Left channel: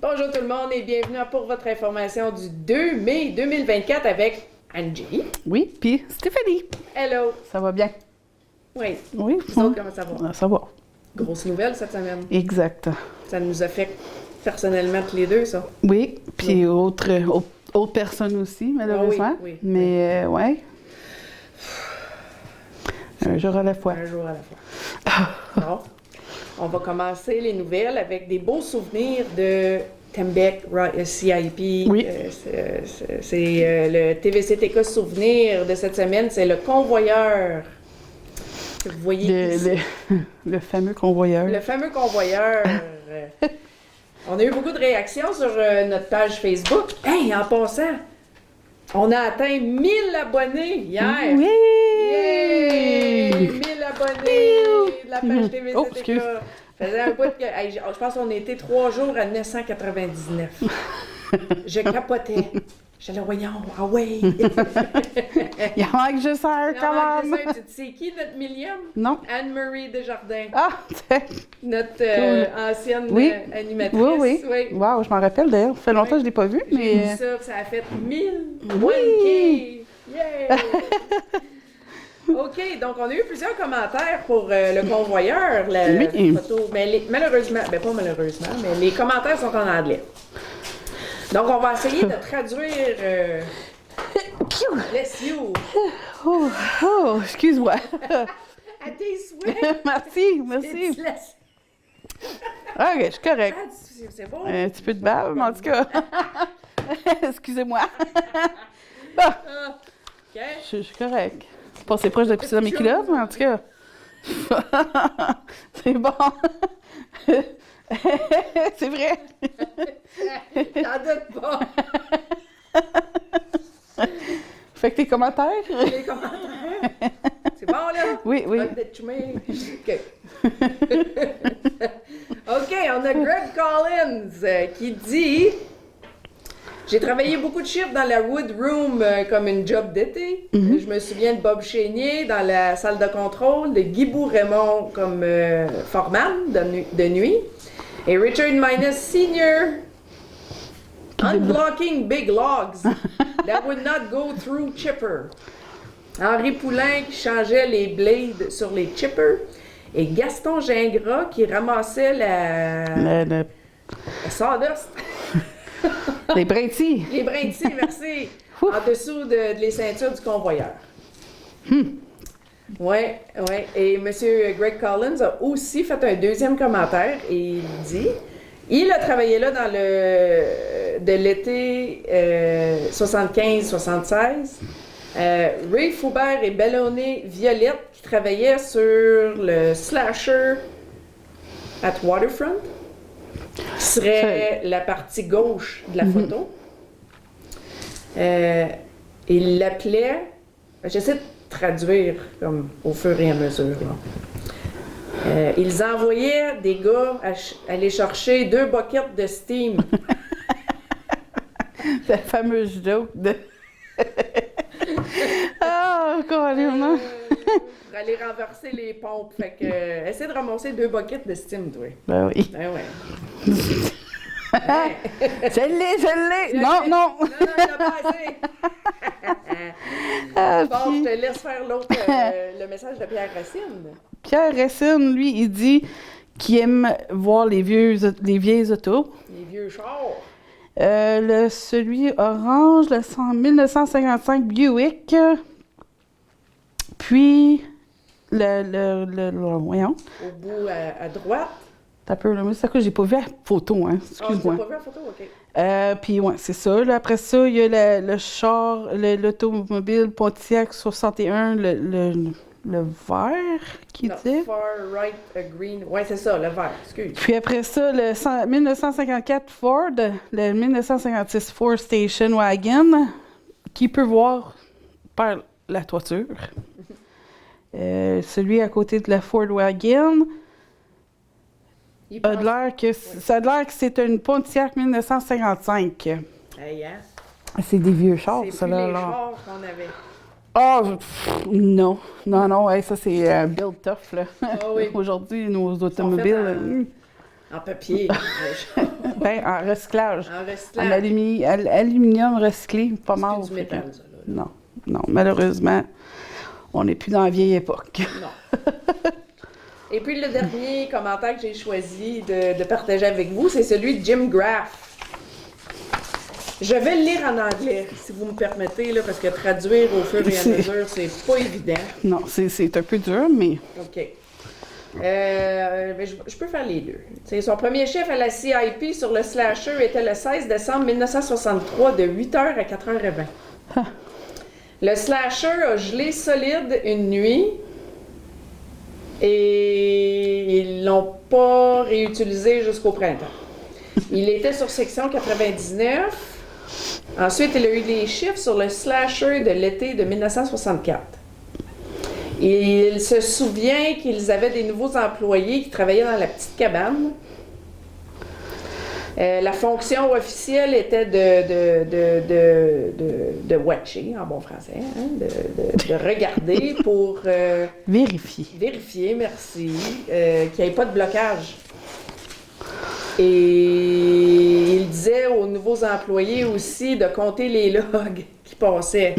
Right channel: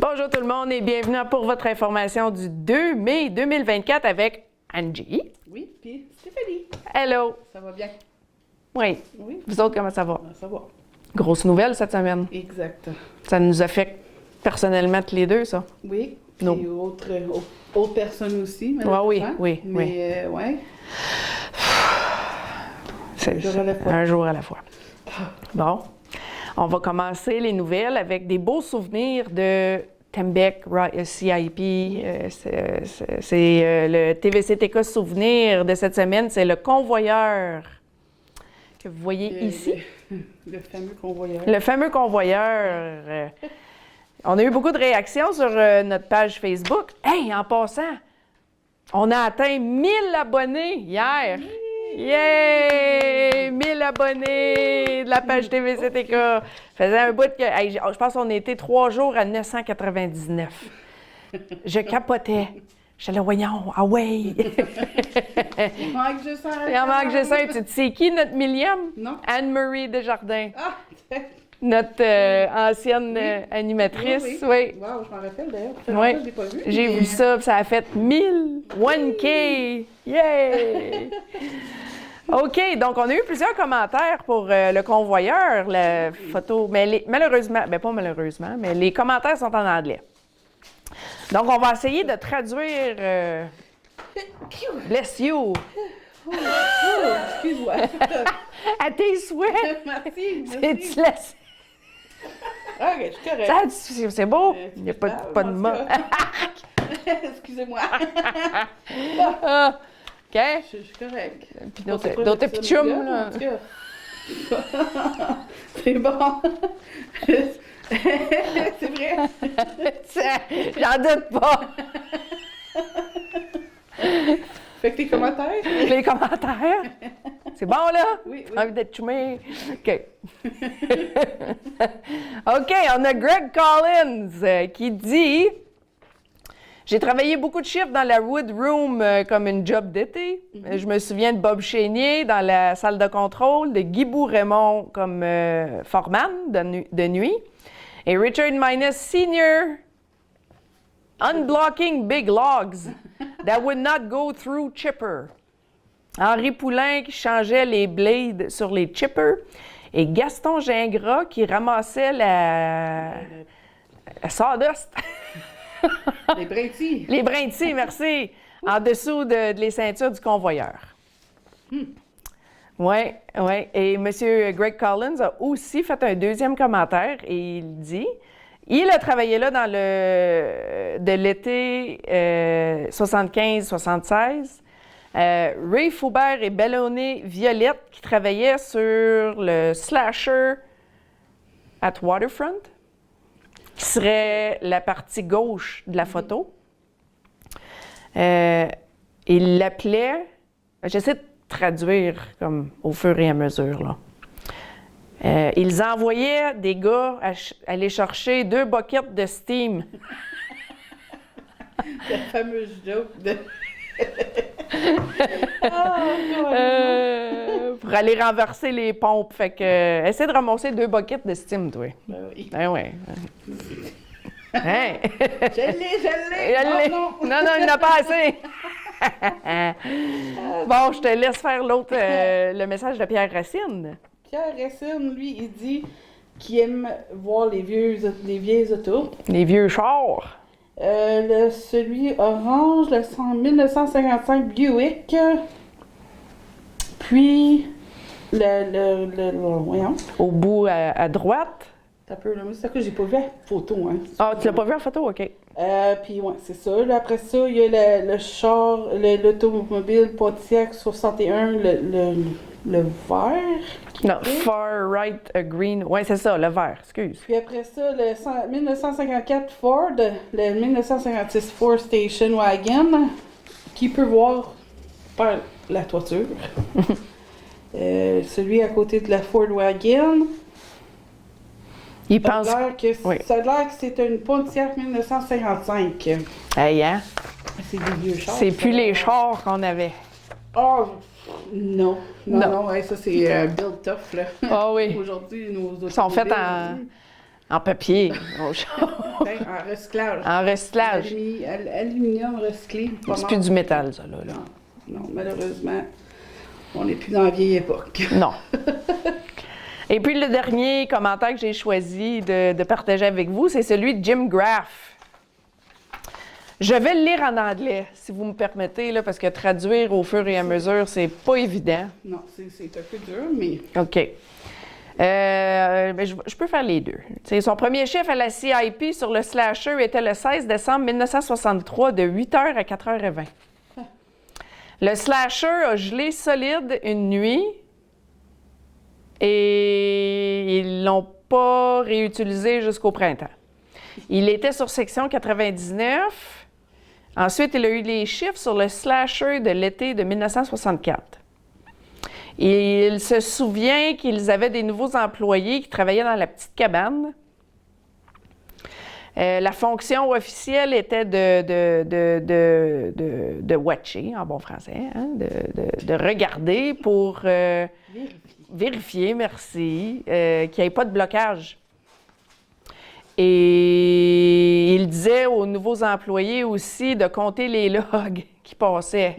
Bonjour tout le monde et bienvenue pour votre information du 2 mai 2024 avec Angie. Oui, puis Stéphanie. Hello. Ça va bien? Oui. Oui. Vous autres, comment ça va? Ça va. Grosse nouvelle cette semaine. Exact. Ça nous affecte personnellement tous les deux, ça. Oui, puis autres personnes aussi, malheureusement. Oui. Mais, ouais. Un jour à la fois. Un jour à la fois. Bon. On va commencer les nouvelles avec des beaux souvenirs de Tembec CIP. Oui. C'est le TVCTK souvenir de cette semaine, c'est le convoyeur. Que vous voyez ici. Le fameux convoyeur. Le fameux convoyeur. On a eu beaucoup de réactions sur notre page Facebook. Hey, en passant, on a atteint 1000 abonnés hier. Oui! Yay! 1000 abonnonnés de la page TVCTK. Faisait un bout que... Hey, je pense qu'on a été 3 jours à 999. Je capotais. J'étais là, voyons, ah ouais! Il en manque juste un. Il en manque juste un. Tu sais qui, notre millième? Non. Anne-Marie Desjardins. Ah, Notre ancienne animatrice. Oui. Wow, je m'en rappelle d'ailleurs. Ça fait longtemps que je ne l'ai pas vu. J'ai vu ça, puis ça a fait 1000, 1K. Yay! OK, donc on a eu plusieurs commentaires pour le convoyeur, la photo. Mais malheureusement, pas malheureusement, mais les commentaires sont en anglais. Donc on va essayer de traduire. Bless you! Oh, excuse-moi. À tes souhaits! Merci. Ah, OK, je suis correct. C'est beau! Un petit peu de bave, en tout cas. Excusez-moi. OK? Je suis correct. Puis Pensez pas que j'ai mes culottes, mais en tout cas. C'est bon. C'est vrai. J'en doute pas. Fait que tes commentaires? Les commentaires. C'est bon, là? Oui. OK. OK, on a Greg Collins qui dit... J'ai travaillé beaucoup de chiffres dans la Wood Room comme une job d'été. Je me souviens de Bob Chénier dans la salle de contrôle, de Guy Bourg-Raymond comme foreman de nuit, et Richard Minus Sr. unblocking big logs that would not go through chipper. Henri Poulain qui changeait les blades sur les chippers, et Gaston Gingras qui ramassait la sawdust. Les brintilles. Les brintilles, merci. En dessous de les ceintures du convoyeur. Oui. Et M. Greg Collins a aussi fait un deuxième commentaire et il dit il a travaillé là de l'été 75-76. Ray Foubert et Bellonné Violette qui travaillaient sur le Slasher at Waterfront, qui serait la partie gauche de la photo. Il l'appelait... J'essaie de traduire comme au fur et à mesure. Là. Ils envoyaient des gars aller chercher 2 buckets de steam. La fameuse joke de... Pour aller renverser les pompes. Fait que, essaie de ramasser 2 buckets de steam, toi. Ben oui. Ben ouais. Hey. Je l'ai! Non, il n'a pas assez! Bon, je te laisse faire l'autre, le message de Pierre Racine. Pierre Racine, lui, il dit qu'il aime voir les vieilles autos. Les vieux chars. Celui orange, le 1955 Buick. Puis, voyons. Au bout à droite. T'as peu, là, mais c'est ça que j'ai pas vu la photo, hein. Ah, tu l'as pas vu la photo? OK. Puis, ouais, c'est ça. Là, après ça, il y a le char, l'automobile Pontiac 61, le vert. Non, far right green. Ouais, c'est ça, le vert, excuse. Puis après ça, le 1954 Ford, le 1956 Ford Station Wagon, qui peut voir par la toiture. Celui à côté de la Ford Wagon. Ça a l'air que c'est une Pontiac 1955. Hey, hein? C'est des vieux chars. C'est plus les chars qu'on avait. Ah, non, ouais, ça c'est build tough, là. Ah oui. Aujourd'hui, nos automobiles... sont faits en papier. Ben, en recyclage. En En recyclage. aluminium recyclé. Pas C'est mal. plus du métal, ça, là. Non, non, malheureusement, on n'est plus dans la vieille époque. Non. Et puis le dernier commentaire que j'ai choisi de partager avec vous, c'est celui de Jim Graff. Je vais le lire en anglais, si vous me permettez, là, parce que traduire au fur et à mesure, c'est pas évident. Non, c'est un peu dur, mais OK. Mais je peux faire les deux. T'sais, son premier chiffre à la CIP sur le slasher était le 16 décembre 1963 de 8h à 4h20. Le slasher a gelé solide une nuit et ils l'ont pas réutilisé jusqu'au printemps. Il était sur section 99. Ensuite, il a eu les chiffres sur le slasher de l'été de 1964. Il se souvient qu'ils avaient des nouveaux employés qui travaillaient dans la petite cabane. La fonction officielle était de watcher, en bon français, hein, de regarder pour vérifier, merci, qu'il n'y ait pas de blocage. Et il disait aux nouveaux employés aussi de compter les logs qui passaient.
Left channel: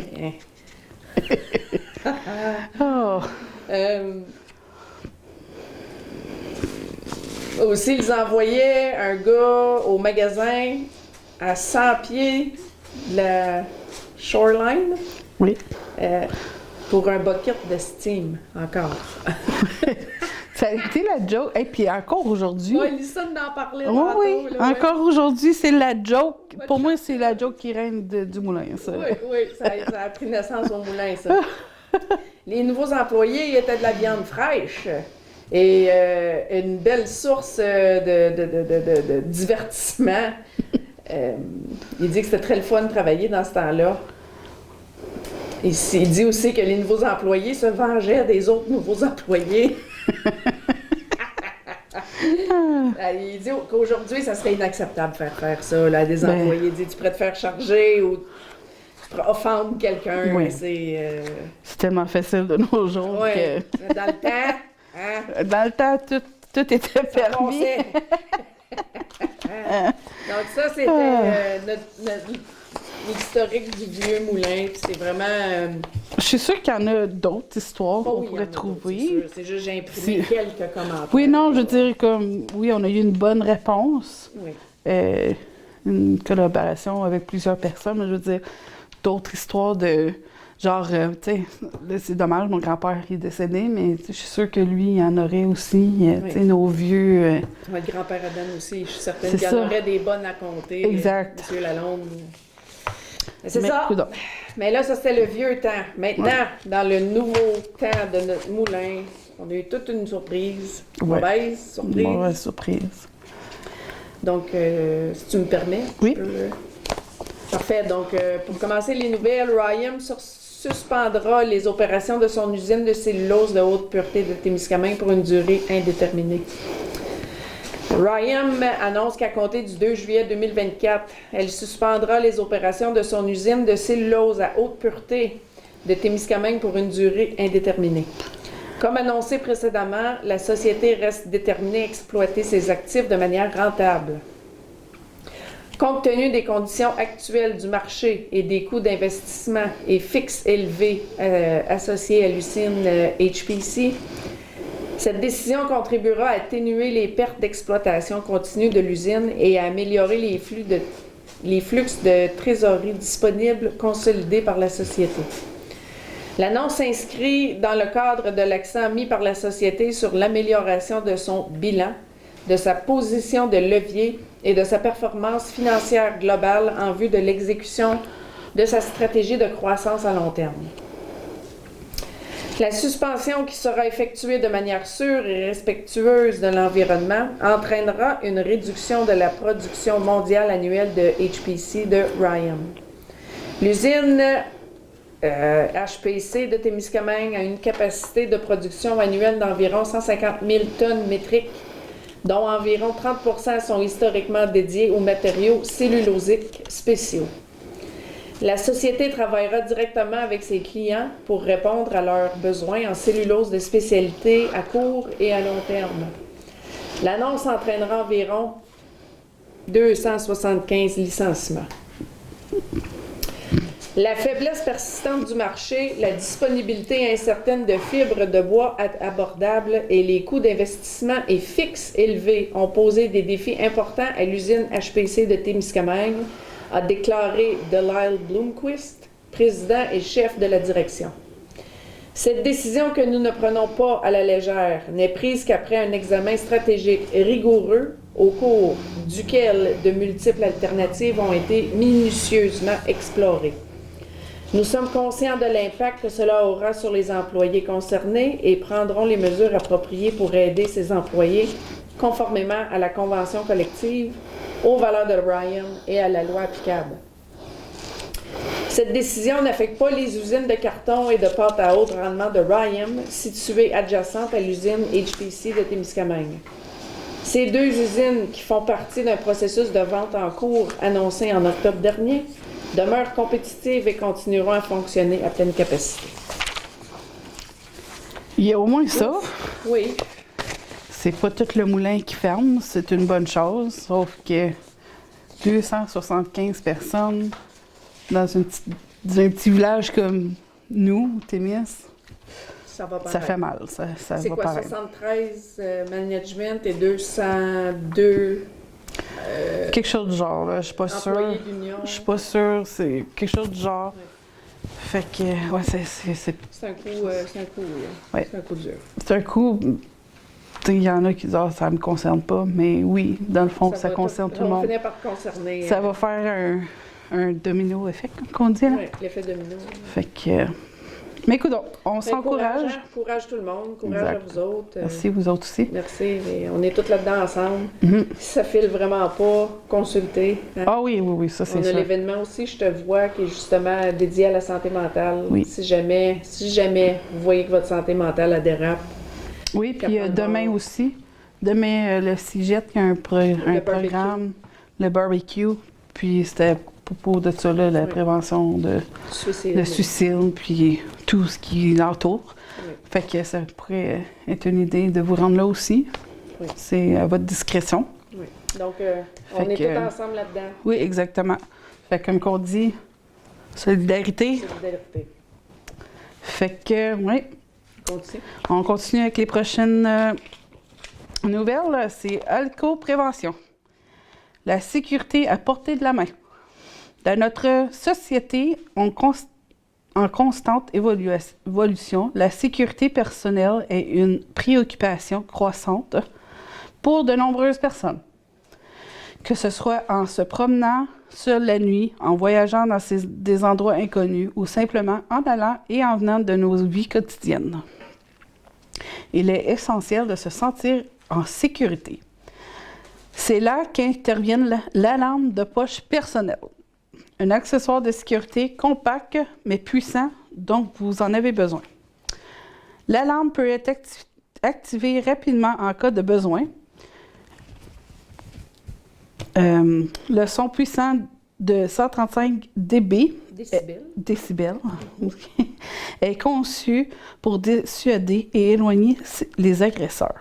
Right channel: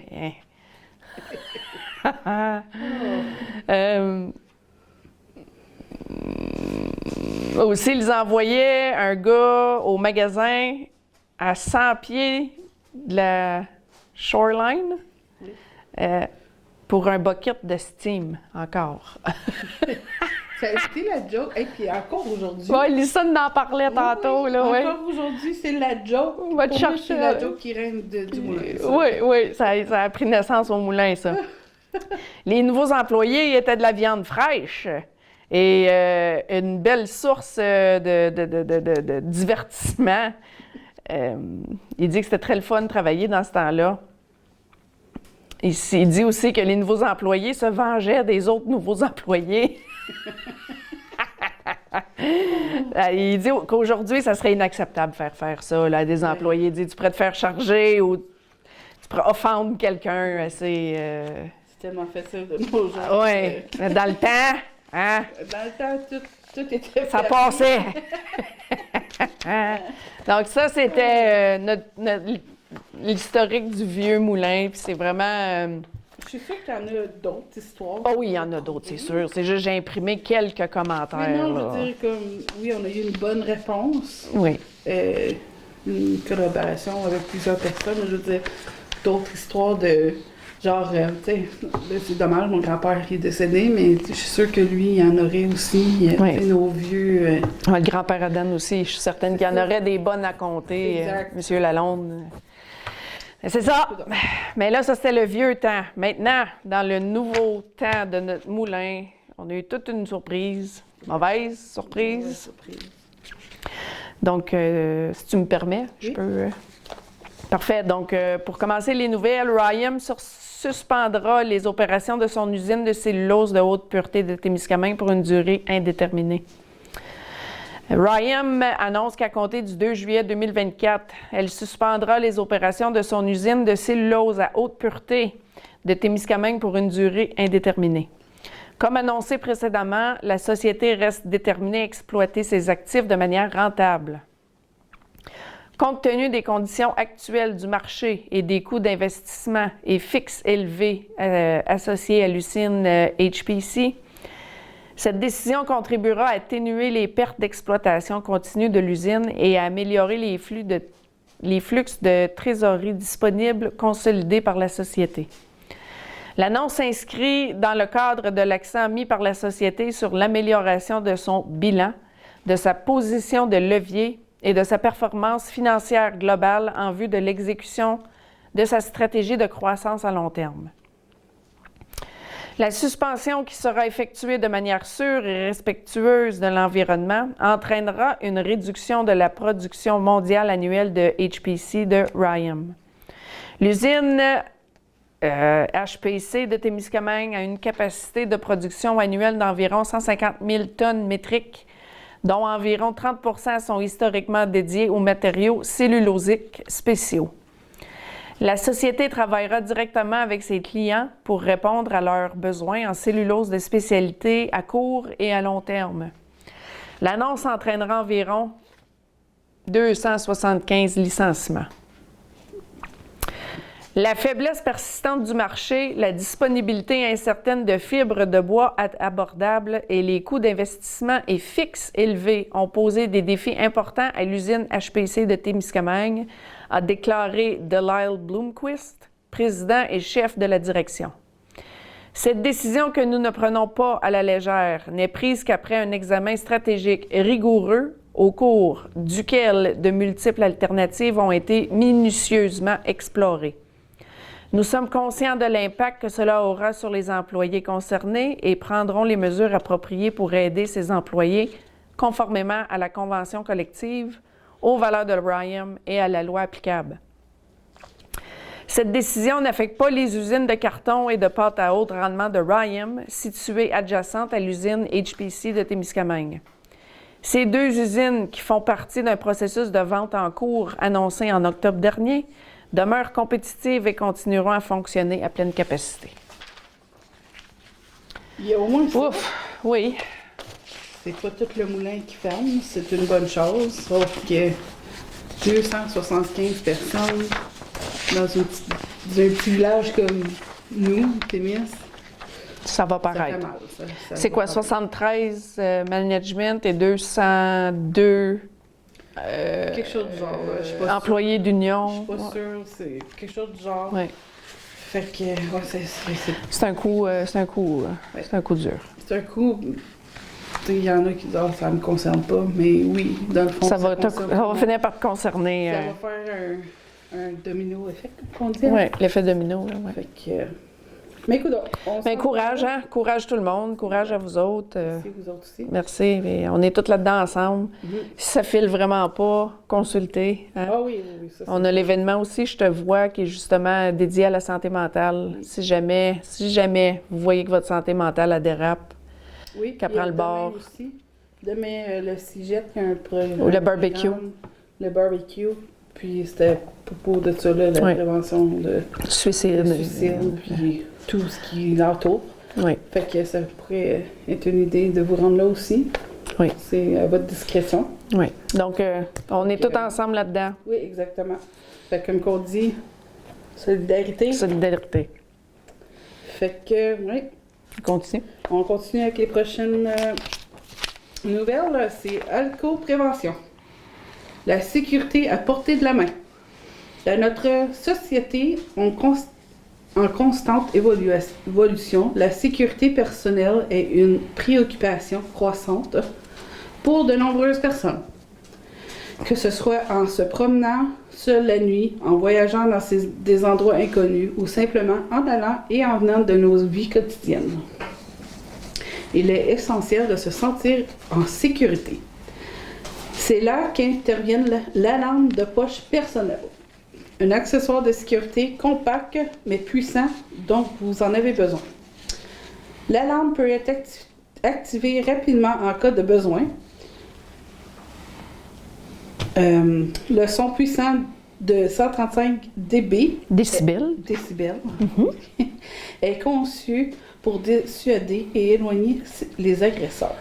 Aussi, ils envoyaient un gars au magasin à 100 pieds de la shoreline oui. pour un bucket de steam, encore. Ça a été la joke. Et puis encore aujourd'hui. Oui, Lisa en parlait tantôt. Oui, là, encore aujourd'hui, c'est la joke. On va te Pour moi, chercher, c'est la joke qui règne du moulin. Ça. Oui, ça a pris naissance au moulin, ça. Les nouveaux employés étaient de la viande fraîche et une belle source de divertissement. Il dit que c'était très le fun de travailler dans ce temps-là. Il dit aussi que les nouveaux employés se vengeaient des autres nouveaux employés. Il dit qu'aujourd'hui, ça serait inacceptable de faire ça là, à des employés. Il dit tu pourrais te faire charger ou tu pourrais offendre quelqu'un. Oui. C'est tellement facile de nos jours. Ouais. Dans le temps, hein? Dans le temps, tout était Ça permis. passait. Donc ça, c'était l'historique du vieux moulin. Puis c'est vraiment... Je suis sûre qu'il y en a d'autres histoires. Oh oui, il y en a d'autres, c'est sûr. C'est juste j'ai imprimé quelques commentaires. Oui, non, je là. veux dire, comme, oui, on a eu une bonne réponse. Oui. Une collaboration avec plusieurs personnes, mais je veux dire, d'autres histoires de... Genre, tu sais, c'est dommage, mon grand-père est décédé, mais je suis sûre que lui, il y en aurait aussi. Tu sais, nos vieux... Le grand-père Adam aussi, je suis certaine qu'il y en aurait des bonnes à compter. Exact. Monsieur Lalonde. C'est ça. Mais là, ça, c'était le vieux temps. Maintenant, dans le nouveau temps de notre moulin, on a eu toute une surprise. Mauvaise surprise. Mauvaise surprise. Donc, si tu me permets, oui. Je peux... Parfait. Donc, pour commencer les nouvelles, Rayam suspendra les opérations de son usine de cellulose de haute pureté de Témiscamingue pour une durée indéterminée. Rayam annonce qu'à compter du 2 juillet 2024, elle suspendra les opérations de son usine de cellulose à haute pureté de Témiscamingue pour une durée indéterminée. Comme annoncé précédemment, la société reste déterminée à exploiter ses actifs de manière rentable. Compte tenu des conditions actuelles du marché et des coûts d'investissement et fixes élevés associés à l'usine HPC, cette décision contribuera à atténuer les pertes d'exploitation continue de l'usine et à améliorer les flux de trésorerie disponibles consolidés par la société. L'annonce s'inscrit dans le cadre de l'accent mis par la société sur l'amélioration de son bilan, de sa position de levier et de sa performance financière globale en vue de l'exécution de sa stratégie de croissance à long terme. La suspension qui sera effectuée de manière sûre et respectueuse de l'environnement entraînera une réduction de la production mondiale annuelle de HPC de Rayam. L'usine HPC de Témiscamingue a une capacité de production annuelle d'environ 150 000 tonnes métriques, dont environ 30% sont historiquement dédiés aux matériaux cellulosiques spéciaux. La société travaillera directement avec ses clients pour répondre à leurs besoins en cellulose de spécialité à court et à long terme. L'annonce entraînera environ 275 licenciements. La faiblesse persistante du marché, la disponibilité incertaine de fibres de bois abordables et les coûts d'investissement et fixes élevés ont posé des défis importants à l'usine HPC de Témiscamingue, a déclaré Delisle Bloomquist, président et chef de la direction. Cette décision que nous ne prenons pas à la légère n'est prise qu'après un examen stratégique rigoureux au cours duquel de multiples alternatives ont été minutieusement explorées. Nous sommes conscients de l'impact que cela aura sur les employés concernés et prendrons les mesures appropriées pour aider ces employés conformément à la convention collective, aux valeurs de Rayam et à la loi applicable. Cette décision n'affecte pas les usines de carton et de pâte à haut rendement de Rayam, situées adjacentes à l'usine HPC de Témiscamingue. Ces deux usines, qui font partie d'un processus de vente en cours annoncé en octobre dernier, demeurent compétitives et continueront à fonctionner à pleine capacité. Il y a au moins ça. Oui. C'est pas tout le moulin qui ferme, c'est une bonne chose, sauf que 275 personnes dans un petit village comme nous, Témis, Ça va paraître. ça fait mal. C'est quoi, paraître. 73 management et 202 Quelque chose du genre, là, je suis pas sûre. employés d'union? Je suis pas sûre, c'est quelque chose du genre. Ouais. Fait que, ouais, C'est un coup, ouais. c'est un coup dur. c'est un coup. Il y en a qui disent, ça me concerne pas, mais oui, dans le fond, ça concerne tout le on va monde. finir par te concerner. Ça va faire un domino effet, qu'on dit. Hein? Oui, l'effet domino. Fait que. Mais écoute, on Courage, s'encourage. hein? Courage tout le monde, courage Exact. à vous autres. Merci, vous autres aussi. Merci, mais on est tous là-dedans ensemble. Mhm. Si ça file vraiment pas, consultez. Hein? Ah oui, ça c'est On a sûr. l'événement aussi, Je te vois, qui est justement dédié à la santé mentale. Oui. Si jamais vous voyez que votre santé mentale elle dérape, Oui, puis prend le demain bord. aussi. Demain, le CIGET, il y a un Le barbecue. programme, le barbecue. Puis c'était à propos de ça, là, la Oui. prévention de suicide. le suicide, puis tout ce qui l'entoure. Oui. Fait que ça pourrait être une idée de vous rendre là aussi. Oui. C'est à votre discrétion. Oui. Donc, on est que, tous ensemble là-dedans. Oui, exactement. Fait que, comme qu'on dit, solidarité. Solidarité. Fait que, oui, Continue. on continue avec les prochaines nouvelles. C'est alco-prévention. La sécurité à portée de la main. Dans notre société, en constante évolution, la sécurité personnelle est une préoccupation croissante pour de nombreuses personnes. Que ce soit en se promenant seul la nuit, en voyageant dans des endroits inconnus ou simplement en allant et en venant de nos vies quotidiennes. Il est essentiel de se sentir en sécurité. C'est là qu'intervient l'alarme de poche personnelle. Un accessoire de sécurité compact mais puissant dont vous en avez besoin. L'alarme peut être activée rapidement en cas de besoin. Le son puissant de 135 dB Décibels. est conçu pour dissuader et éloigner les agresseurs.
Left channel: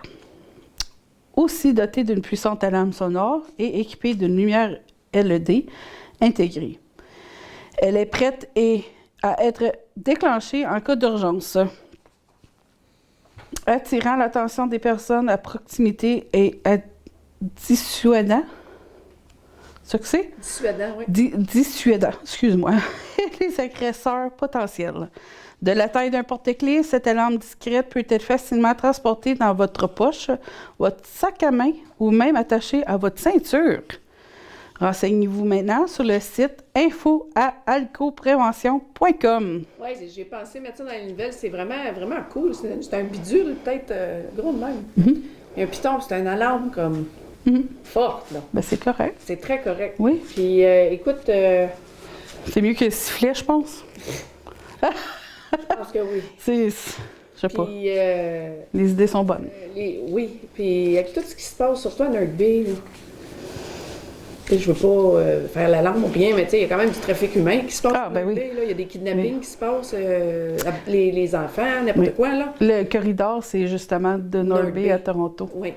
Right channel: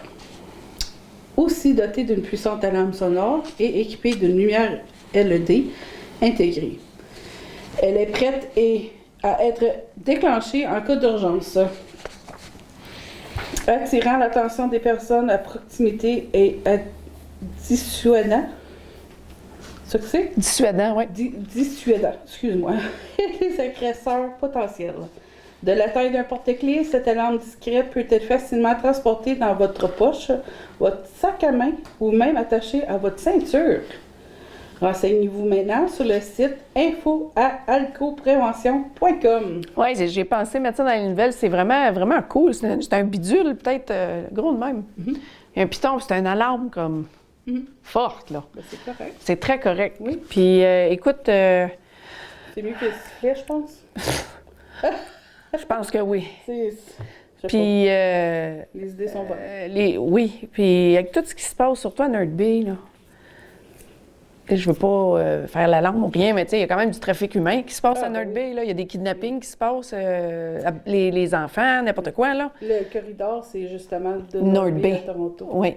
Aussi doté d'une puissante alarme sonore et équipée d'une lumière LED intégrée. Elle est prête à être déclenchée en cas d'urgence, attirant l'attention des personnes à proximité et dissuadant. C'est ça que c'est? Dissuadant, oui. Dissuadant, excuse-moi, les agresseurs potentiels. De la taille d'un porte-clés, cette alarme discrète peut être facilement transportée dans votre poche, votre sac à main ou même attachée à votre ceinture. Renseignez-vous maintenant sur le site info@alcoprévention.com. Oui, j'ai pensé mettre ça dans les nouvelles. C'est vraiment, vraiment cool. C'est un bidule, peut-être gros de même. Mhm. Et un piton, c'est une alarme comme forte, là. Ben, c'est correct. C'est très correct. Oui. Puis, écoute, C'est mieux que le sifflet, je pense. je pense que oui. Je sais pas. Puis, Les idées sont bonnes. oui. Puis, avec tout ce qui se passe, surtout à Nerd Bay, là. Tu sais, je veux pas faire l'alarme ou rien, mais tu sais, il y a quand même du trafic humain qui se passe à ben Nerd oui. Bay, là. Il y a des kidnappings qui se passent, les enfants, n'importe quoi, là. Le corridor, c'est justement de Nord North Bay Bay. à Toronto. Oui.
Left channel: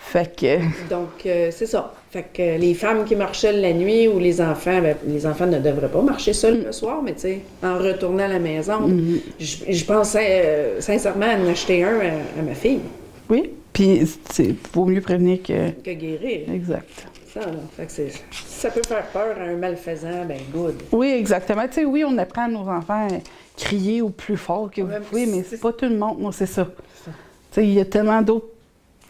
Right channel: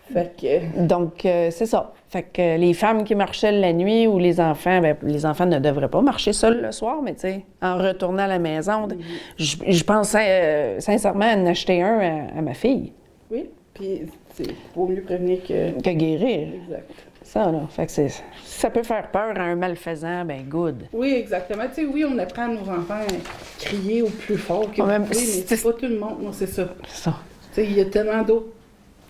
Fait que... Donc, c'est ça. Fait que les femmes qui marchaient la nuit ou les enfants, ben, les enfants ne devraient pas marcher seuls le soir, mais tu sais, en retournant à la maison, je pense sincèrement à en acheter un à ma fille. Oui, puis c'est vaut mieux prévenir que... Que guérir. Exact. Ça, là. Fait que ça peut faire peur à un malfaisant, ben good. Oui, exactement. Tu sais, oui, on apprend à nos enfants à crier au plus fort que vous Ouais, pouvez, mais c'est pas tout le monde, moi, c'est ça. C'est ça. Tu sais, il y a tellement d'autres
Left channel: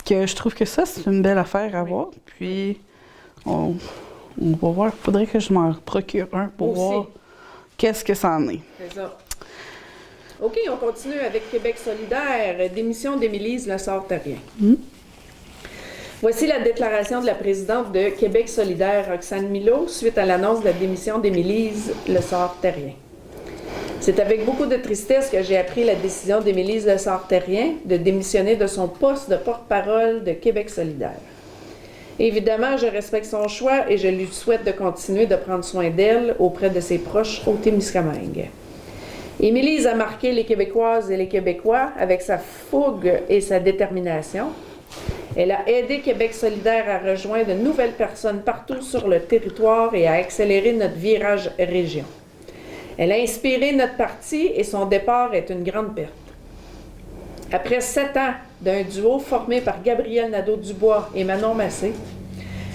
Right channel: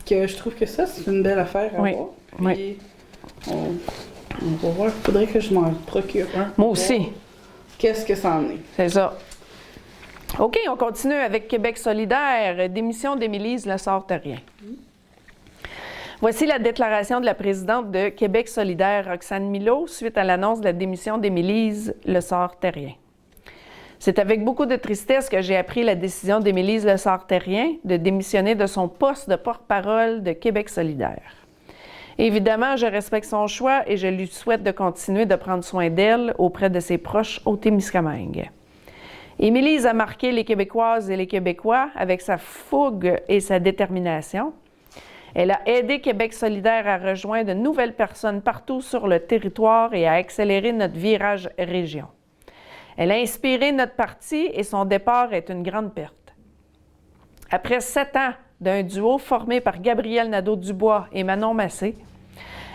que je trouve que ça, c'est une belle affaire à Oui. voir. Puis, Oui. on va voir. Il faudrait que je m'en procure un. pour Moi aussi. voir qu'est-ce que ça en est. C'est ça. OK, on continue avec Québec solidaire. Démission d'Émilise Lessard-Terrien. Voici la déclaration de la présidente de Québec solidaire, Roxane Milot, suite à l'annonce de la démission d'Émilise Lessard-Terrien. C'est avec beaucoup de tristesse que j'ai appris la décision d'Émilise Lessard-Terrien de démissionner de son poste de porte-parole de Québec solidaire. Évidemment, je respecte son choix et je lui souhaite de continuer de prendre soin d'elle auprès de ses proches au Témiscamingue. Émilise a marqué les Québécoises et les Québécois avec sa fougue et sa détermination. Elle a aidé Québec solidaire à rejoindre de nouvelles personnes partout sur le territoire et à accélérer notre virage région. Elle a inspiré notre parti et son départ est une grande perte. Après 7 ans d'un duo formé par Gabriel Nadeau-Dubois et Manon Massé,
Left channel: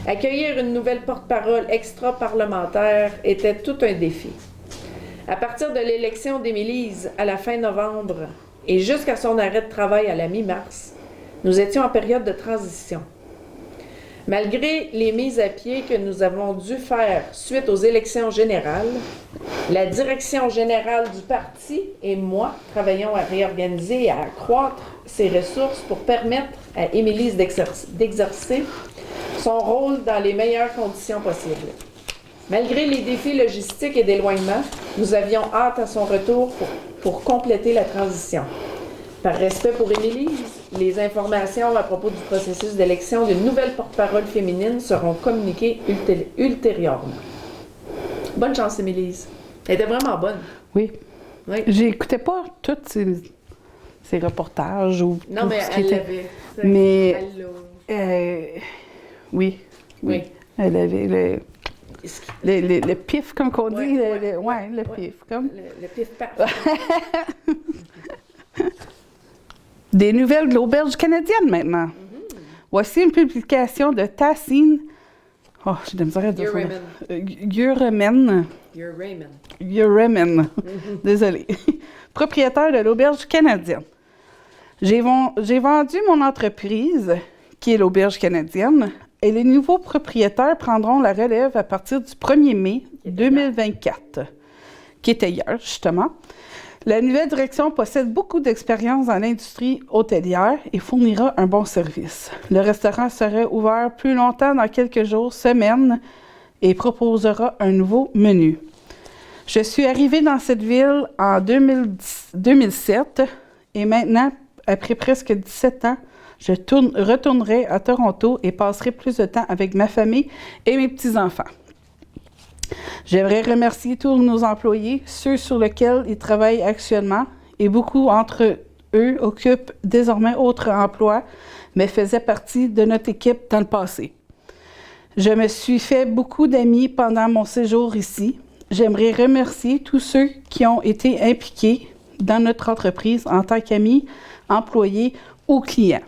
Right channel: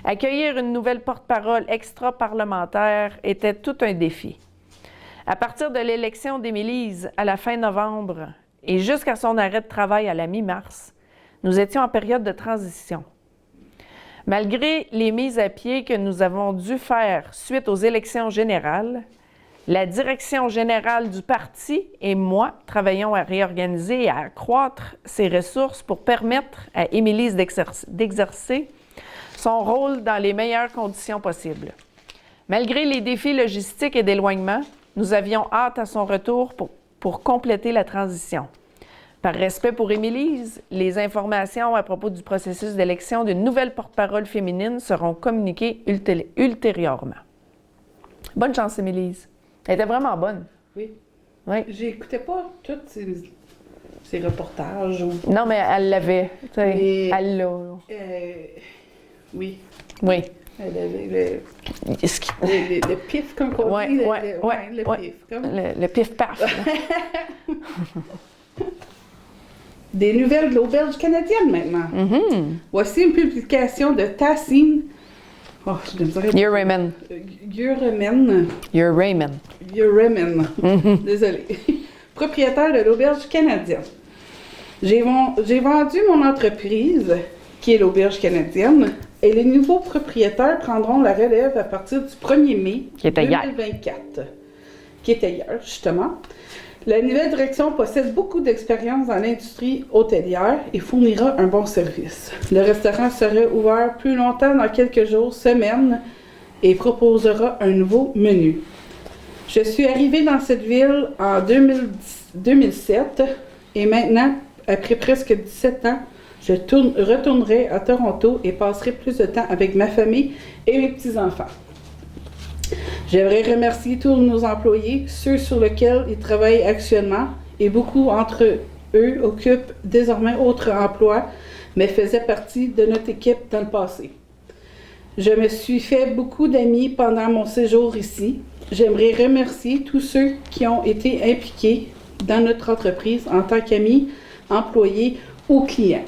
accueillir une nouvelle porte-parole extra-parlementaire était tout un défi. À partir de l'élection d'Émilise à la fin novembre et jusqu'à son arrêt de travail à la mi-mars, nous étions en période de transition. Malgré les mises à pied que nous avons dû faire suite aux élections générales, la direction générale du parti et moi travaillons à réorganiser et à accroître ses ressources pour permettre à Émilise d'exercer son rôle dans les meilleures conditions possibles. Malgré les défis logistiques et d'éloignement, nous avions hâte à son retour pour compléter la transition. Par respect pour Émilise, les informations à propos du processus d'élection d'une nouvelle porte-parole féminine seront communiquées ultérieurement. Bonne chance, Émilise. Elle était vraiment bonne. Oui. Oui. J'écoutais pas tous ces reportages. Ou Non, tout mais ce qui elle était- l'avait. Mais- Elle l'a. Oui. Oui. Elle avait le pif, comme qu'on Ouais, dit. ouais, le ouais. pif. Comme... Le pif-paf. Des nouvelles de l'auberge canadienne maintenant. Voici une publication de Tassine. Oh, j'ai de la misère à dire ça. You're Yuremen. Raymond. Désolée. Propriétaire de l'auberge canadienne. J'ai vendu mon entreprise, qui est l'auberge canadienne, et les nouveaux propriétaires prendront la relève à partir du 1er mai Qui était hier. 2024, qui était hier, justement. La nouvelle direction possède beaucoup d'expérience dans l'industrie hôtelière et fournira un bon service. Le restaurant serait ouvert plus longtemps dans quelques jours, semaines, et proposera un nouveau menu. Je suis arrivée dans cette ville en 2007 et maintenant, après presque 17 ans, je retournerai à Toronto et passerai plus de temps avec ma famille et mes petits-enfants. J'aimerais remercier tous nos employés, ceux sur lesquels ils travaillent actuellement, et beaucoup entre eux occupent désormais autre emploi, mais faisaient partie de notre équipe dans le passé. Je me suis fait beaucoup d'amis pendant mon séjour ici. J'aimerais remercier tous ceux qui ont été impliqués dans notre entreprise en tant qu'amis, employés ou clients.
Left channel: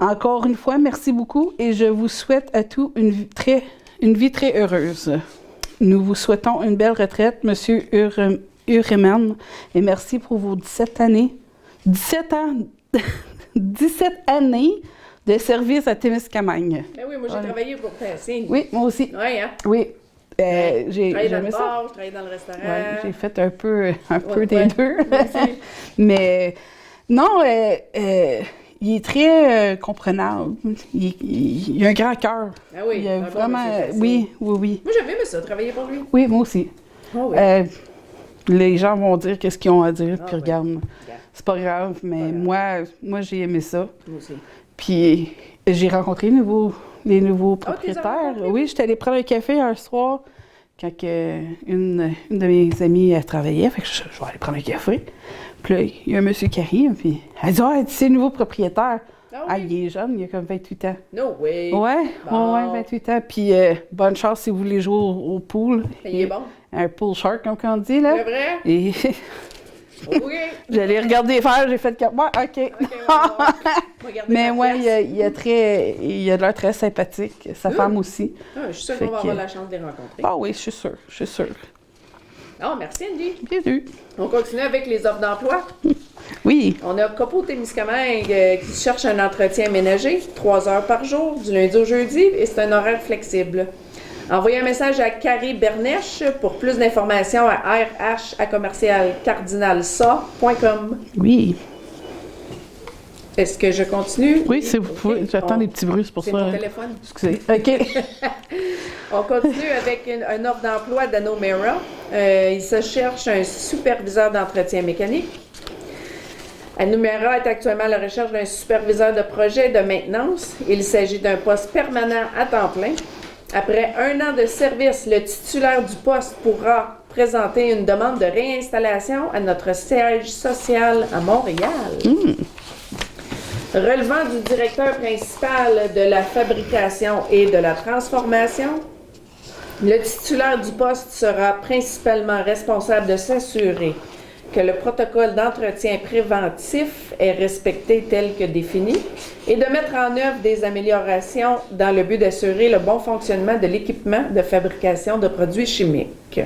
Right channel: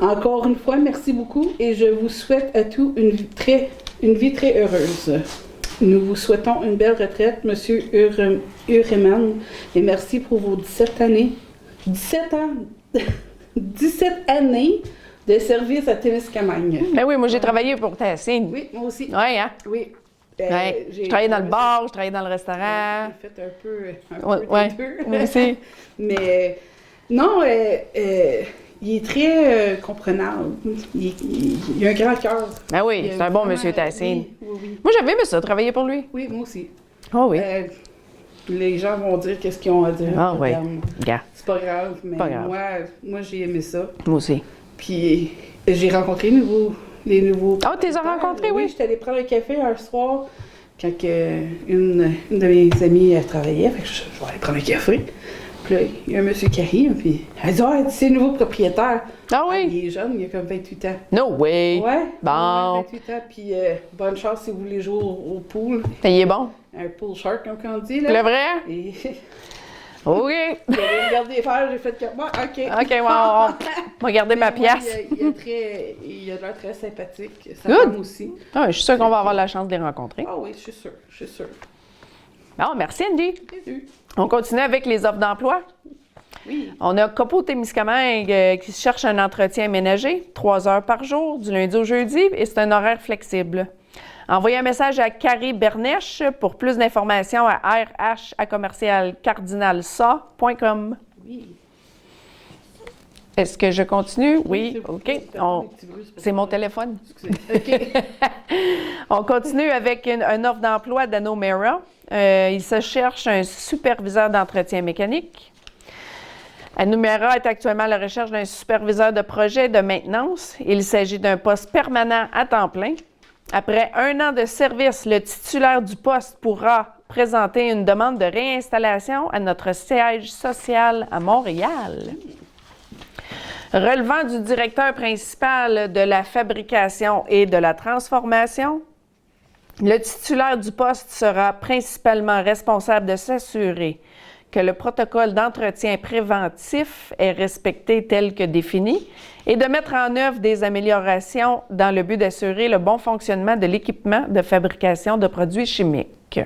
Encore une fois, merci beaucoup et je vous souhaite à tous une vie très heureuse. Nous vous souhaitons une belle retraite, Monsieur Ureman, et merci pour vos 17 années. 17 années de service à Témiscamingue. Ben oui, moi j'ai travaillé pour Tassine. Oui, moi aussi. Oui, hein? Oui. Ouais. Je travaillais dans le j'aimais bar, je travaillais dans le restaurant. ça. Ouais, j'ai fait un peu Ouais, des ouais. deux. Moi aussi. Mais non, il est très comprenable. Il a un grand cœur. Ben oui, Il a c'est un bon vraiment- monsieur Tassine. Oui, oui, oui. Moi j'avais aimé ça, travailler pour lui. Oui, moi aussi. Ah oui. Les gens vont dire qu'est-ce qu'ils ont à dire. Ah puis oui. regarde, Gars, c'est pas grave, mais Pas grave. moi j'ai aimé ça. moi aussi. Puis j'ai rencontré les nouveaux Ah, tu les as propriétaires. rencontrés, Oui, oui? j'étais allée prendre un café un soir quand une de mes amies travaillait. Fait que je vais aller prendre un café. Puis là, il y a un monsieur qui arrive, puis elle dit « Ah, c'est le nouveau propriétaire. » Ah oui? Il est jeune, il a comme 28 ans. No way! Ouais, Bon. ouais, 28 ans. Puis bonne chance si vous voulez jouer au pool. Ben, il est bon. Un pool shark, comme on dit, là. Le vrai? Et OK. j'allais regarder faire, j'ai fait comme moi, OK. OK, on va garder Mais ma moi, pièce. il a l'air très sympathique. Sa Good. femme aussi. Ah, je suis sûre qu'on Fait va que- avoir la chance de les rencontrer. Ah oui, je suis sûre, je suis sûre. Ah, merci, Andy. Bienvenue. On continue avec les offres d'emploi. Oui. On a Copo Témiscamingue qui cherche un entretien ménager, 3 heures par jour, du lundi au jeudi, et c'est un horaire flexible. Envoyez un message à Carré Bernèche pour plus d'informations à rh@cardinalsa.com. Oui. Est-ce que je continue? Oui, c'est OK. j'attends On- des petits bruits, c'est pour C'est ça. mon téléphone. Excusez. OK. On continue avec une offre d'emploi d'Anomera. Il se cherche un superviseur d'entretien mécanique. Anomera est actuellement à la recherche d'un superviseur de projet de maintenance. Il s'agit d'un poste permanent à temps plein. Après 1 an de service, le titulaire du poste pourra présenter une demande de réinstallation à notre siège social à Montréal. Relevant du directeur principal de la fabrication et de la transformation, le titulaire du poste sera principalement responsable de s'assurer que le protocole d'entretien préventif est respecté tel que défini et de mettre en œuvre des améliorations dans le but d'assurer le bon fonctionnement de l'équipement de fabrication de produits chimiques.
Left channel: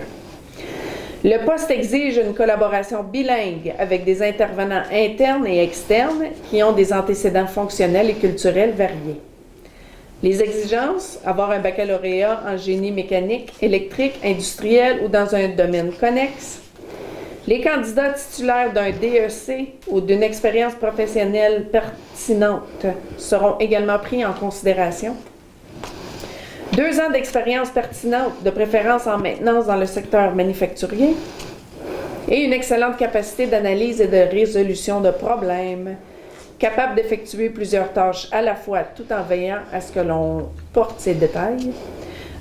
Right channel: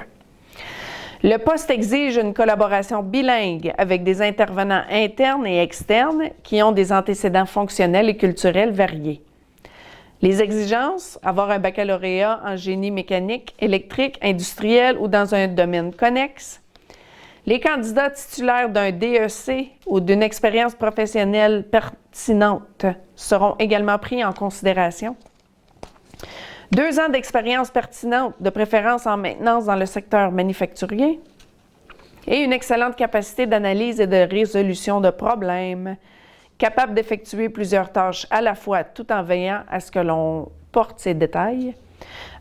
Le poste exige une collaboration bilingue avec des intervenants internes et externes qui ont des antécédents fonctionnels et culturels variés. Les exigences, avoir un baccalauréat en génie mécanique, électrique, industriel ou dans un domaine connexe. Les candidats titulaires d'un DEC ou d'une expérience professionnelle pertinente seront également pris en considération. 2 ans d'expérience pertinente, de préférence en maintenance dans le secteur manufacturier. Et une excellente capacité d'analyse et de résolution de problèmes. Capable d'effectuer plusieurs tâches à la fois tout en veillant à ce que l'on porte ces détails.